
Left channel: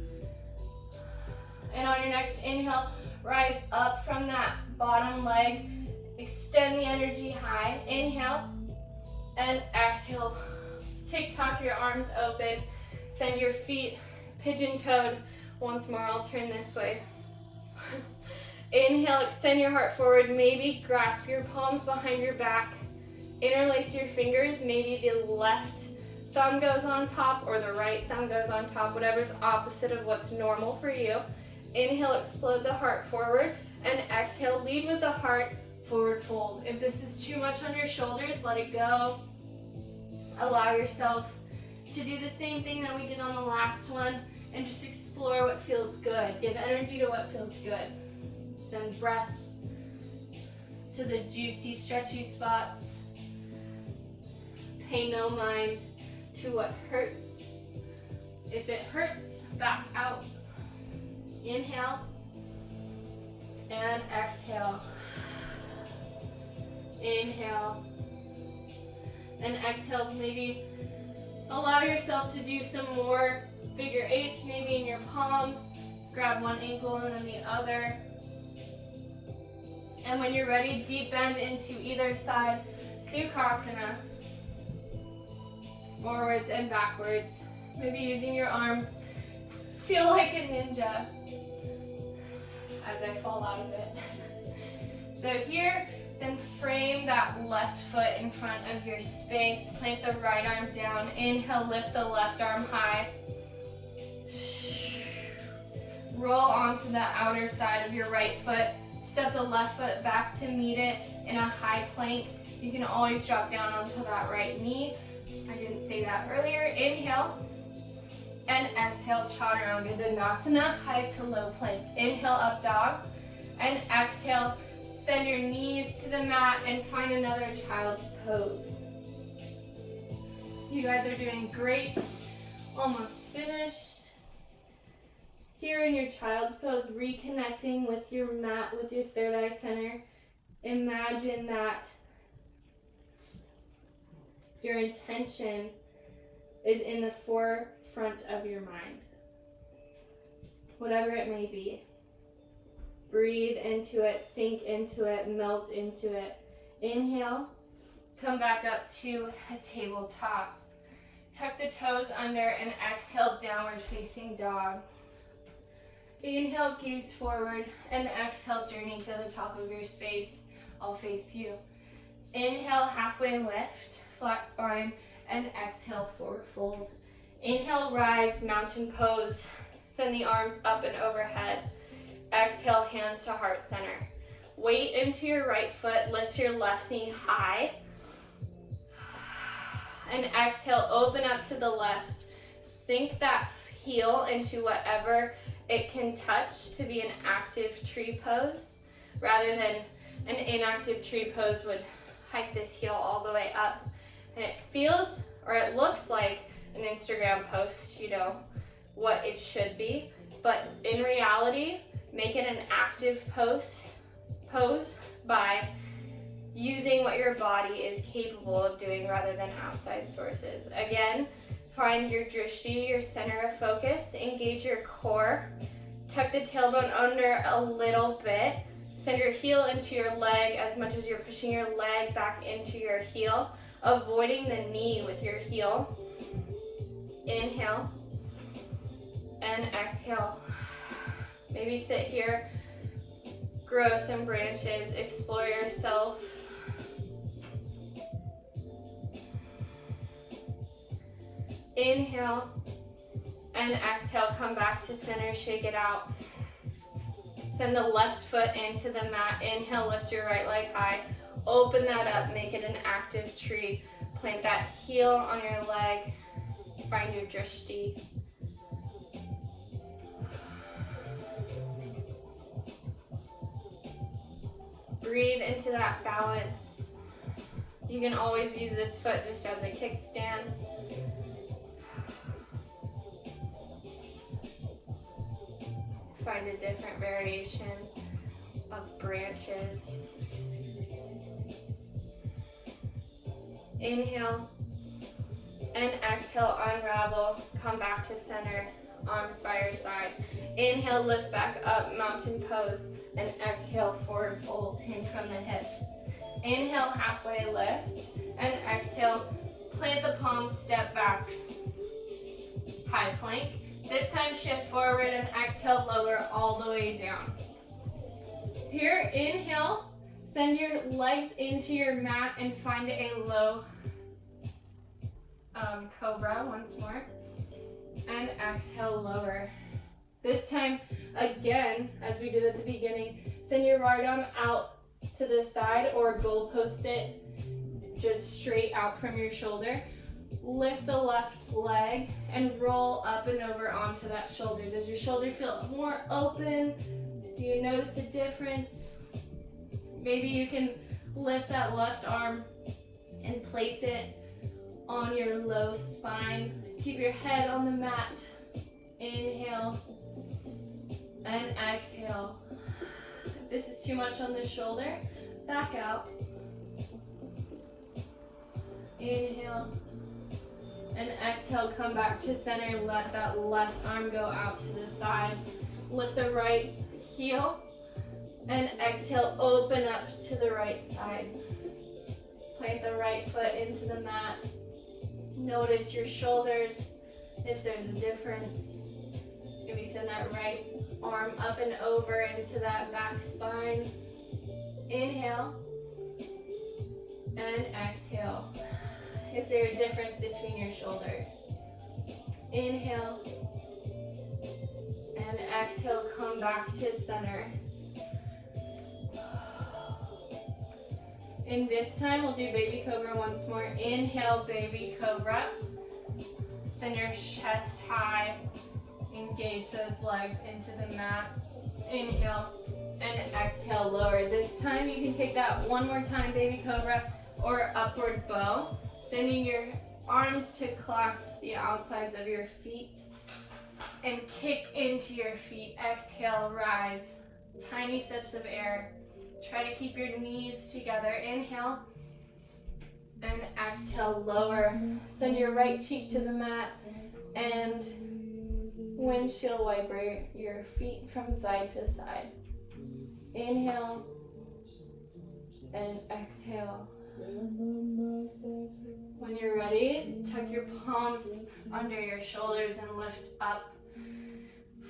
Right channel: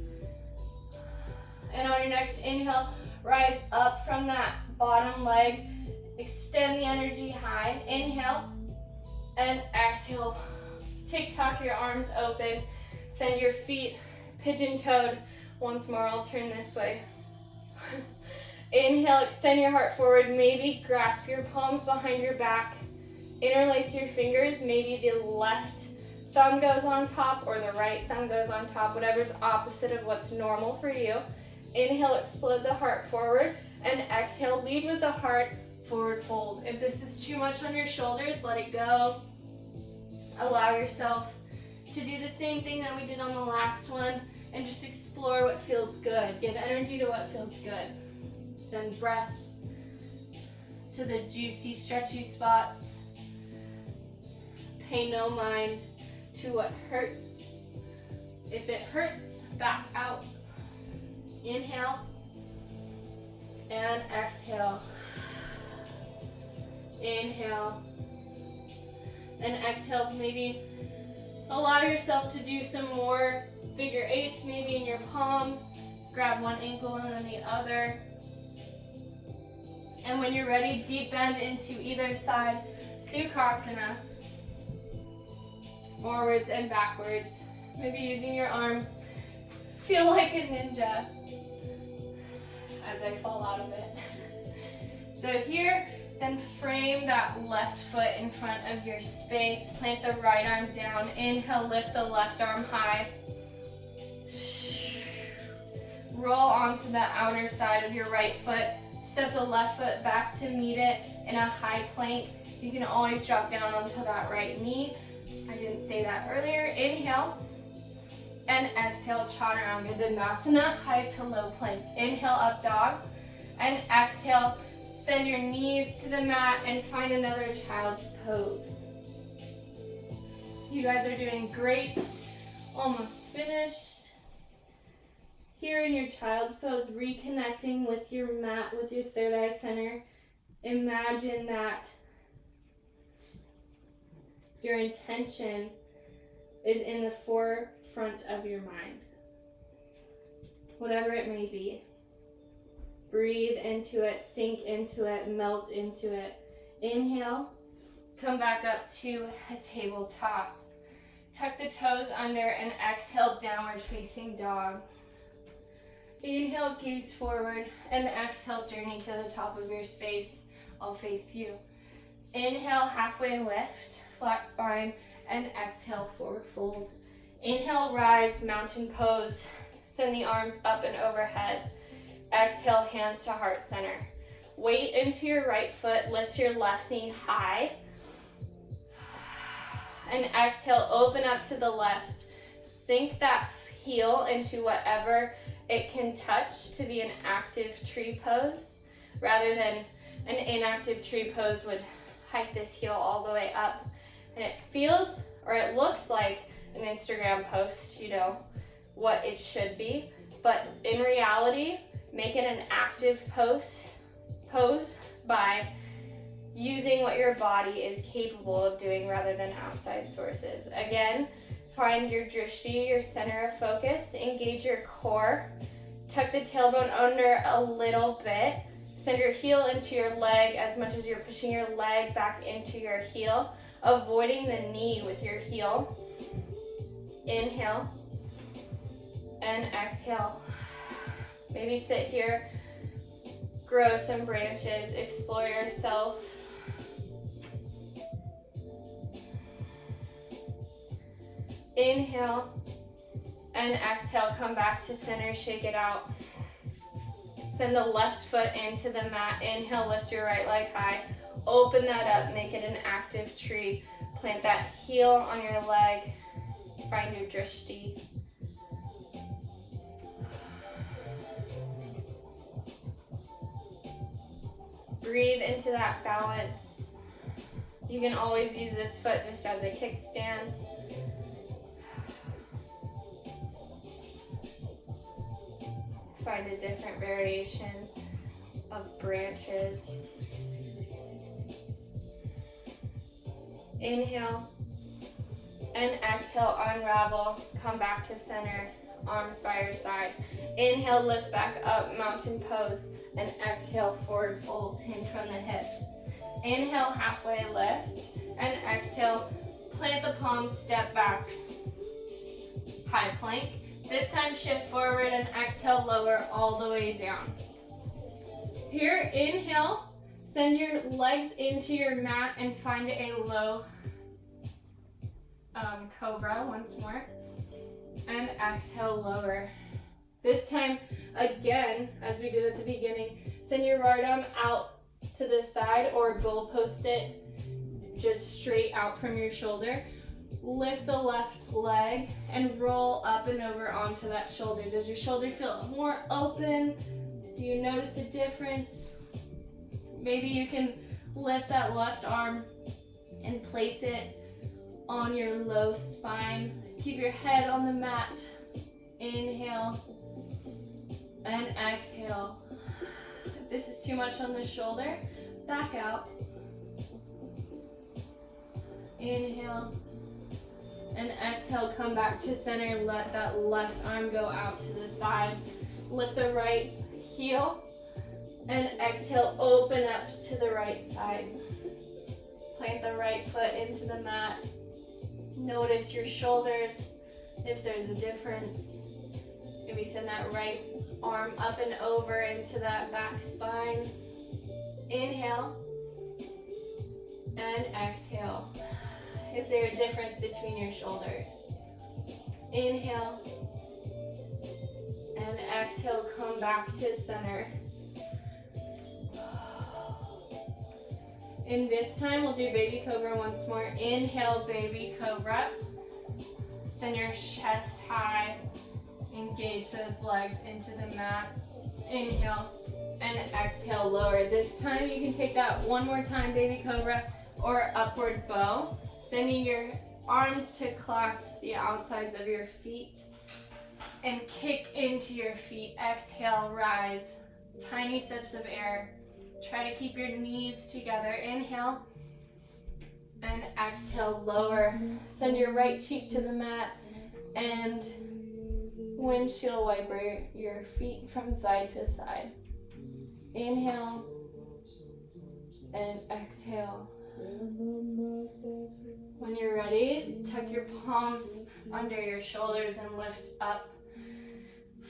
And on your next inhale, rise up from that bottom leg. Extend the energy high. Inhale and exhale. TikTok your arms open. Send your feet pigeon-toed. Once more, I'll turn this way. Inhale, extend your heart forward. Maybe grasp your palms behind your back. Interlace your fingers. Maybe the left thumb goes on top or the right thumb goes on top, whatever's opposite of what's normal for you. Inhale, explode the heart forward, and exhale, lead with the heart, forward fold. If this is too much on your shoulders, let it go. Allow yourself to do the same thing that we did on the last one and just explore what feels good. Give energy to what feels good. Send breath to the juicy, stretchy spots. Pay no mind to what hurts. If it hurts, back out. Inhale and exhale. Inhale and exhale. Maybe allow yourself to do some more figure eights, maybe in your palms. Grab one ankle and then the other. And when you're ready, deep bend into either side. Sukhasana. Forwards and backwards. Maybe using your arms. Feel like a ninja as I fall out of it. So here, then frame that left foot in front of your space. Plant the right arm down. Inhale, lift the left arm high. Roll onto the outer side of your right foot. Step the left foot back to meet it in a high plank. You can always drop down onto that right knee. I didn't say that earlier. Inhale and exhale, chaturanga dandasana, high to low plank. Inhale, up dog, and exhale, send your knees to the mat and find another child's pose. You guys are doing great. Almost finished. Here in your child's pose, reconnecting with your mat, with your third eye center. Imagine that your intention is in the forefront of your mind, whatever it may be. Breathe into it, sink into it, melt into it. Inhale, come back up to a tabletop. Tuck the toes under and exhale, downward facing dog. Inhale, gaze forward, and exhale, journey to the top of your space. I'll face you. Inhale, halfway lift, flat spine, and exhale, forward fold. Inhale, rise, mountain pose. Send the arms up and overhead. Exhale, hands to heart center. Weight into your right foot, lift your left knee high. And exhale, open up to the left. Sink that heel into whatever it can touch to be an active tree pose, rather than an inactive tree pose would hike this heel all the way up. And it feels, or it looks like an Instagram post, you know, what it should be. But in reality, make it an active pose by using what your body is capable of doing rather than outside sources. Again, find your drishti, your center of focus. Engage your core. Tuck the tailbone under a little bit. Send your heel into your leg as much as you're pushing your leg back into your heel, avoiding the knee with your heel. Inhale and exhale. Maybe sit here, grow some branches, explore yourself. Inhale and exhale, come back to center, shake it out. Send the left foot into the mat. Inhale, lift your right leg high. Open that up, make it an active tree. Plant that heel on your leg. Find your drishti. Breathe into that balance. You can always use this foot just as a kickstand. Find a different variation of branches. Inhale and exhale, unravel, come back to center, arms by your side. Inhale, lift back up, mountain pose, and exhale, forward fold, hinge from the hips. Inhale, halfway lift, and exhale, plant the palms, step back, high plank. This time shift forward and exhale, lower all the way down. Here, inhale, send your legs into your mat and find a low cobra once more. And exhale, lower. This time, again, as we did at the beginning, send your right arm out to the side or goalpost it just straight out from your shoulder. Lift the left leg and roll up and over onto that shoulder. Does your shoulder feel more open? Do you notice a difference? Maybe you can lift that left arm and place it on your low spine. Keep your head on the mat. Inhale and exhale. If this is too much on the shoulder, back out. Inhale and exhale, come back to center. Let that left arm go out to the side. Lift the right heel and exhale, open up to the right side. Plant the right foot into the mat. Notice your shoulders, if there's a difference. Maybe send that right arm up and over into that back spine. Inhale and exhale. Is there a difference between your shoulders? Inhale and exhale, come back to center. And this time we'll do baby cobra once more. Inhale, baby cobra. Send your chest high. Engage those legs into the mat. Inhale and exhale, lower. This time you can take that one more time, baby cobra or upward bow. Sending your arms to clasp the outsides of your feet and kick into your feet. Exhale, rise. Tiny sips of air. Try to keep your knees together. Inhale and exhale, lower. Send your right cheek to the mat and windshield wiper your feet from side to side. Inhale and exhale. When you're ready, tuck your palms under your shoulders and lift up.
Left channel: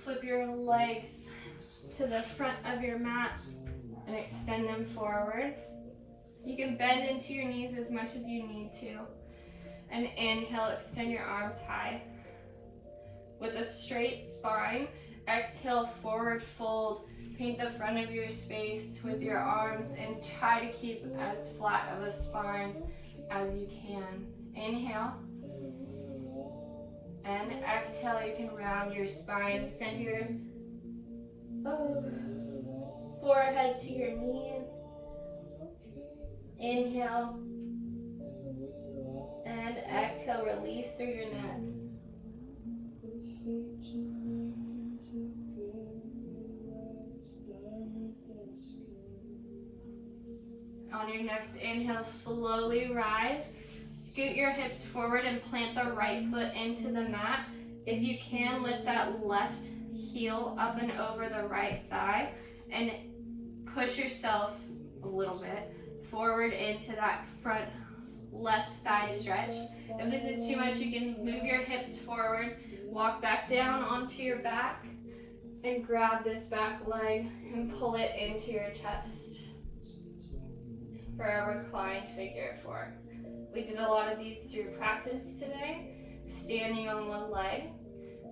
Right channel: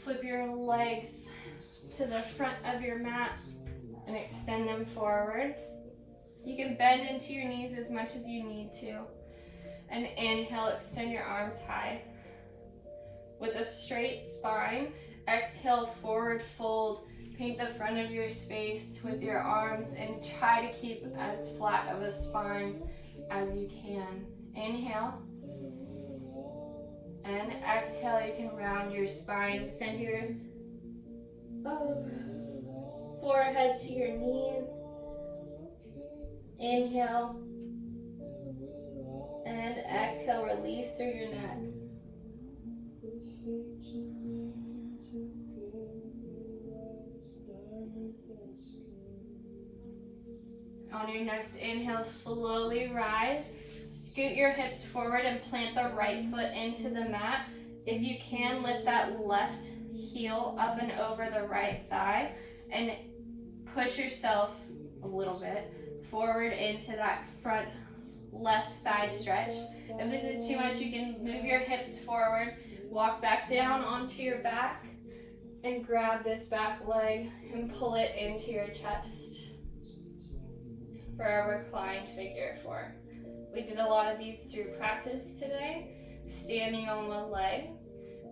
Flip your legs to the front of your mat and extend them forward. You can bend into your knees as much as you need to. And inhale, extend your arms high. With a straight spine, exhale, forward fold. Paint the front of your space with your arms and try to keep as flat of a spine as you can. Inhale and exhale, you can round your spine. Send your forehead to your knees. Inhale and exhale, release through your neck. On your next inhale, slowly rise. Scoot your hips forward and plant the right foot into the mat. If you can, lift that left heel up and over the right thigh and push yourself a little bit forward into that front left thigh stretch. If this is too much, you can move your hips forward, walk back down onto your back, and grab this back leg and pull it into your chest for a reclined figure four. We did a lot of these through practice today, standing on one leg.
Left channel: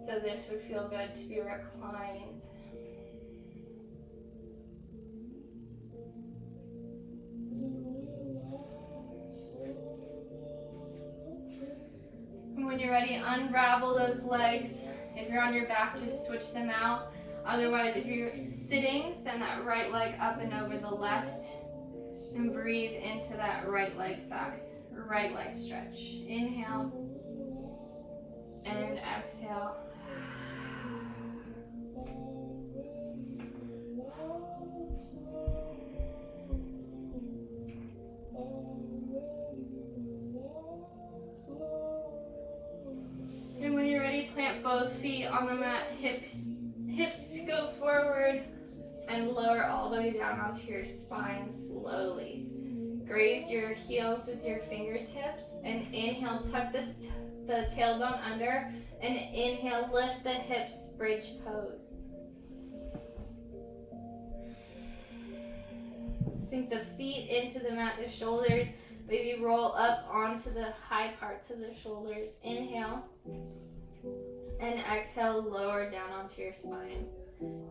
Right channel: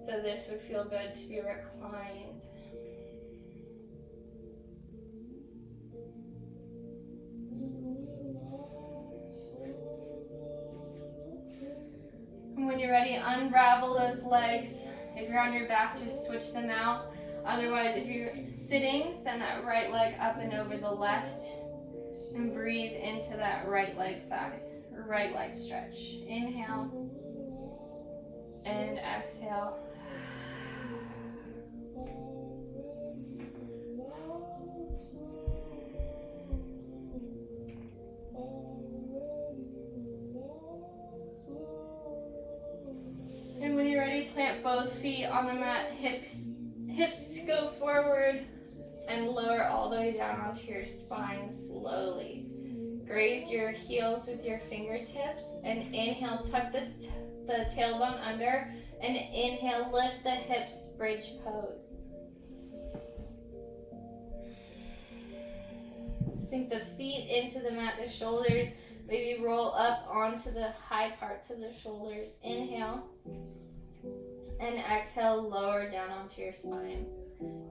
So this would feel good to be reclined. And when you're ready, unravel those legs. If you're on your back, just switch them out. Otherwise, if you're sitting, send that right leg up and over the left. And breathe into that right leg back, or right leg stretch. Inhale and exhale. And when you're ready, plant both feet on the mat. Hips go forward and lower all the way down onto your spine slowly. Graze your heels with your fingertips and inhale, tuck the tailbone under, and inhale, lift the hips, bridge pose. Sink the feet into the mat, the shoulders, maybe roll up onto the high parts of the shoulders. Inhale, and exhale, lower down onto your spine.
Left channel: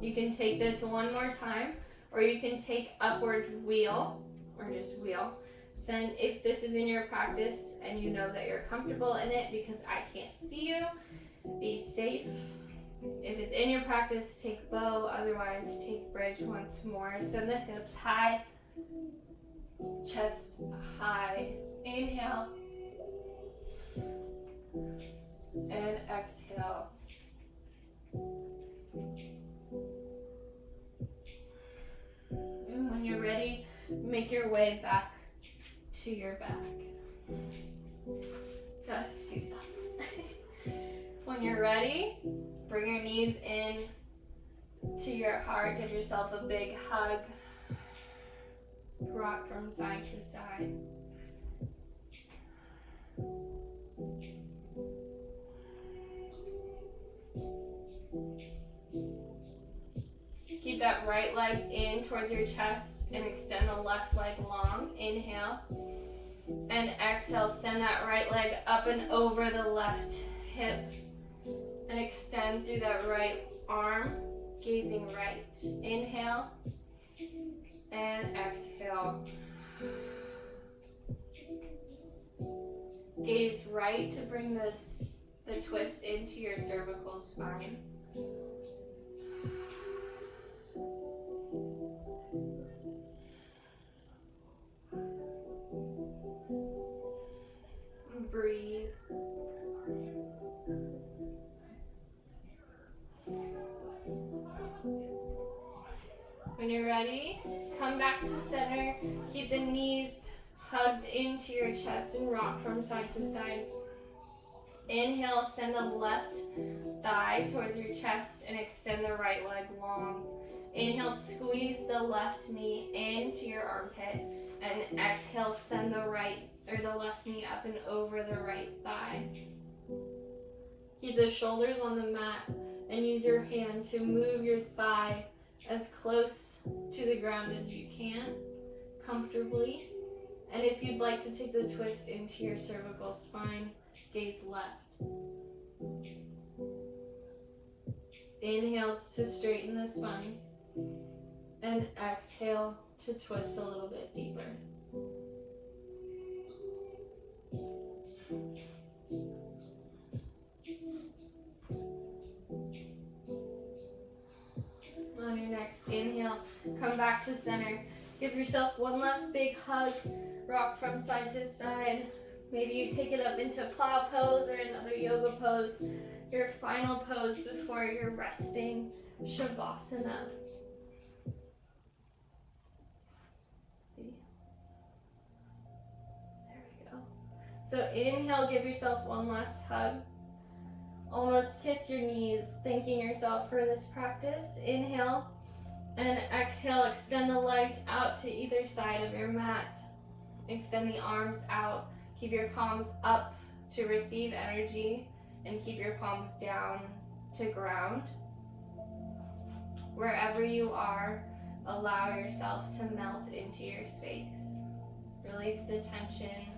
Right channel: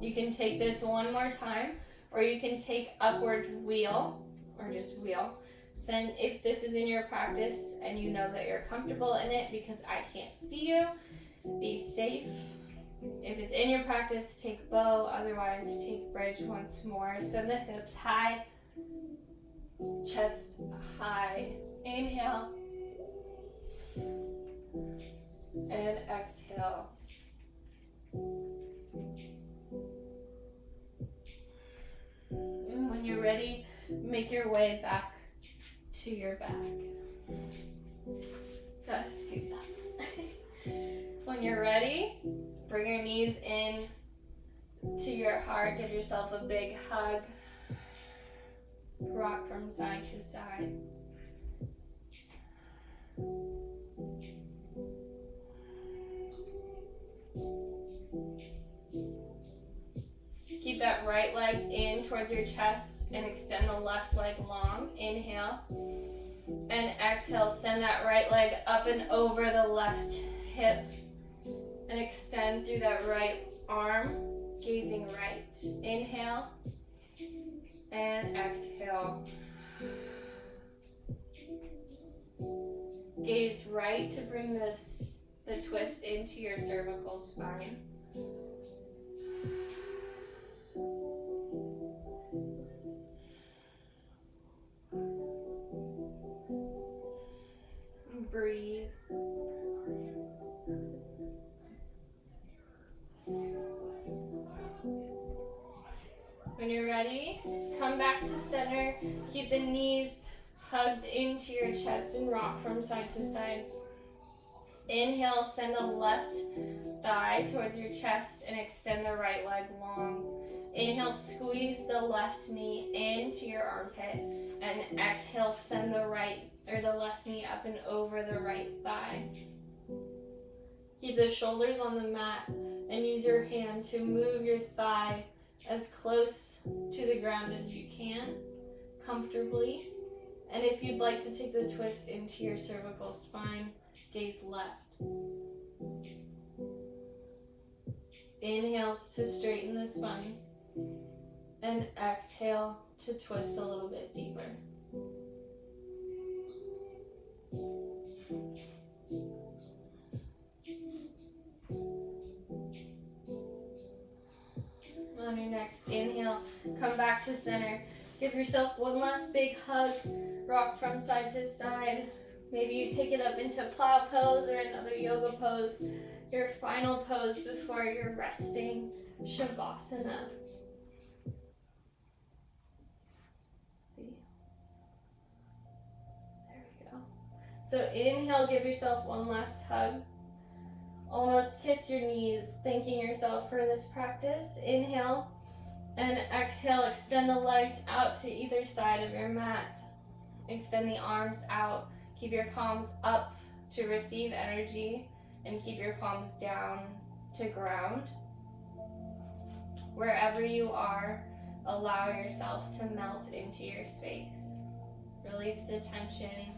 You can take this one more time, or you can take upward wheel, or just wheel. Send, if this is in your practice and you know that you're comfortable in it, because I can't see you, be safe. If it's in your practice, take bow, otherwise take bridge once more. Send the hips high, chest high. Inhale, and exhale. And when you're ready, make your way back to your back. Gotta scoot up. When you're ready, bring your knees in to your heart. Give yourself a big hug. Rock from side to side. Keep that right leg in towards your chest and extend the left leg long. Inhale. And exhale, send that right leg up and over the left hip. And extend through that right arm, gazing right. Inhale. And exhale. Gaze right to bring the twist into your cervical spine. Breathe. When you're ready, come back to center. Keep the knees hugged into your chest and rock from side to side. Inhale, send the left thigh towards your chest and extend the right leg long. Inhale, squeeze the left knee into your armpit, and exhale, send the left knee up and over the right thigh. Keep the shoulders on the mat and use your hand to move your thigh as close to the ground as you can, comfortably. And if you'd like to take the twist into your cervical spine, gaze left. Inhales to straighten the spine, and exhale to twist a little bit deeper. On your next inhale, come back to center. Give yourself one last big hug. Rock from side to side. Maybe you take it up into plow pose or another yoga pose. Your final pose before your resting Shavasana. See? There we go. So inhale, give yourself one last hug. Almost kiss your knees, thanking yourself for this practice. Inhale, and exhale, extend the legs out to either side of your mat. Extend the arms out. Keep your palms up to receive energy, and keep your palms down to ground. Wherever you are, allow yourself to melt into your space. Release the tension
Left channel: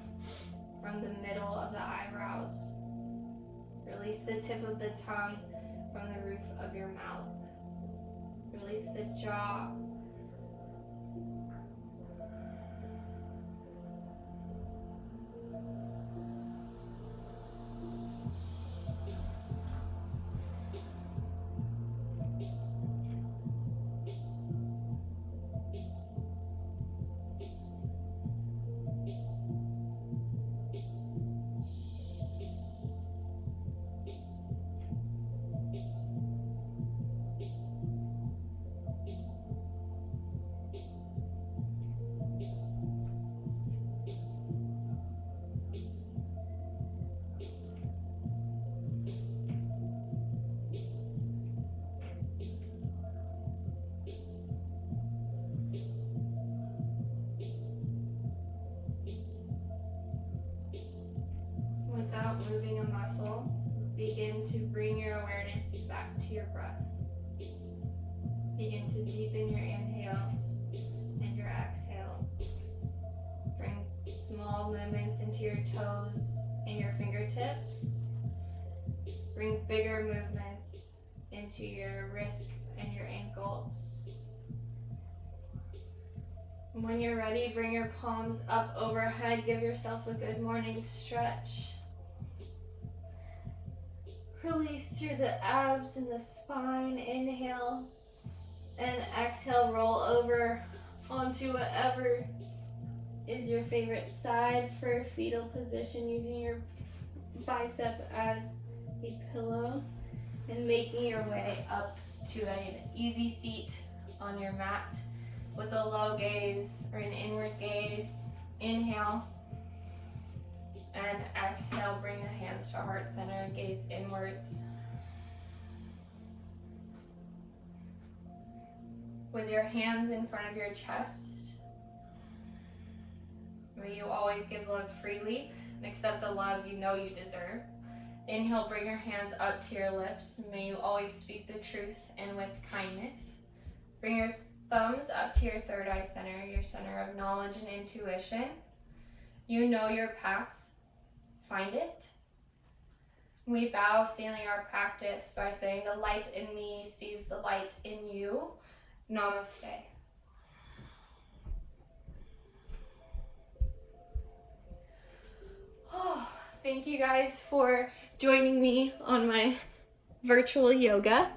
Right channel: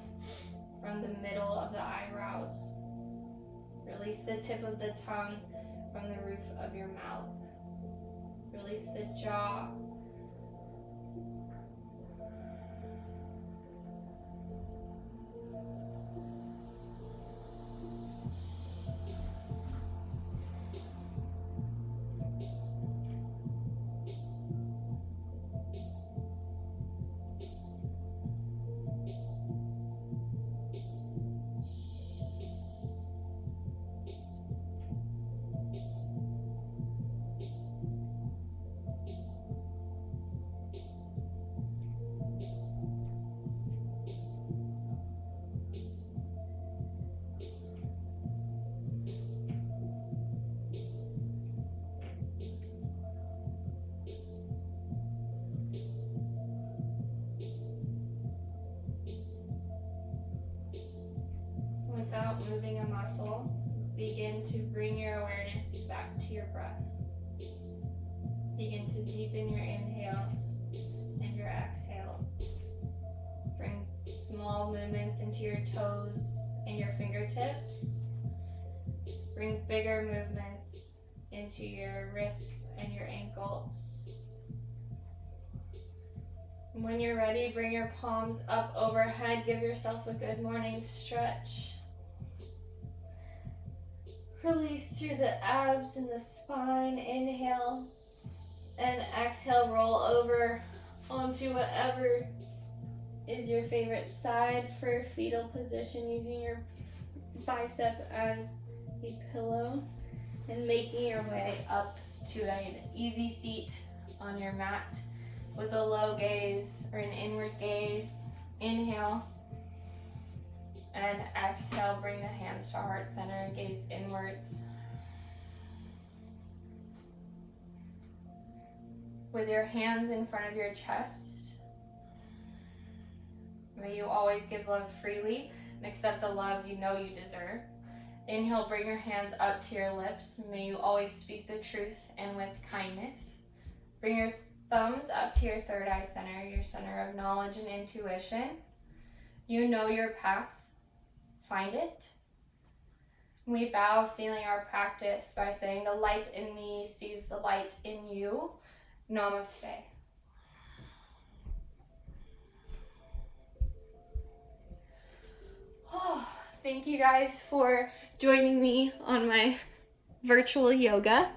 from the middle of the eyebrows. Release the tip of the tongue from the roof of your mouth. Release the jaw. Without moving a muscle, begin to bring your awareness back to your breath. Begin to deepen your inhales and your exhales. Bring small movements into your toes and your fingertips. Bring bigger movements into your wrists and your ankles. When you're ready, bring your palms up overhead. Give yourself a good morning stretch. Release through the abs and the spine. Inhale and exhale. Roll over onto whatever is your favorite side for fetal position, using your bicep as a pillow and making your way up to an easy seat on your mat with a low gaze or an inward gaze. Inhale and exhale. Bring the hands to heart center and gaze inwards. With your hands in front of your chest, may you always give love freely and accept the love you know you deserve. Inhale, bring your hands up to your lips. May you always speak the truth and with kindness. Bring your thumbs up to your third eye center, your center of knowledge and intuition. You know your path. Find it. We bow, sealing our practice by saying, the light in me sees the light in you. Namaste. Oh, thank you guys for joining me on my virtual yoga.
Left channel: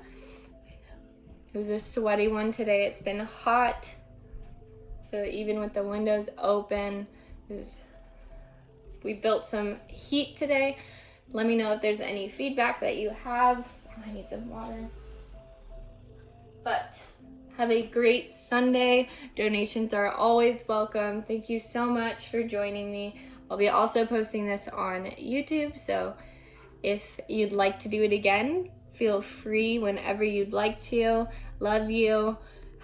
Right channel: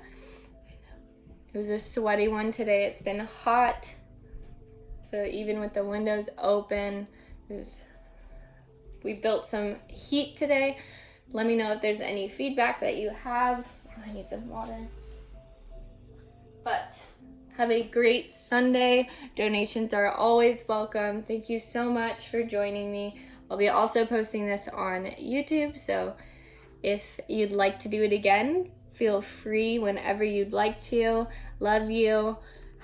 It was a sweaty one today. It's been hot. So even with the windows open, we built some heat today. Let me know if there's any feedback that you have. I need some water. But have a great Sunday. Donations are always welcome. Thank you so much for joining me. I'll be also posting this on YouTube, so if you'd like to do it again, feel free whenever you'd like to. Love you.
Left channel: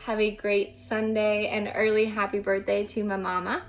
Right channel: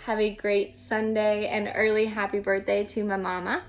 Have a great Sunday and early happy birthday to my mama.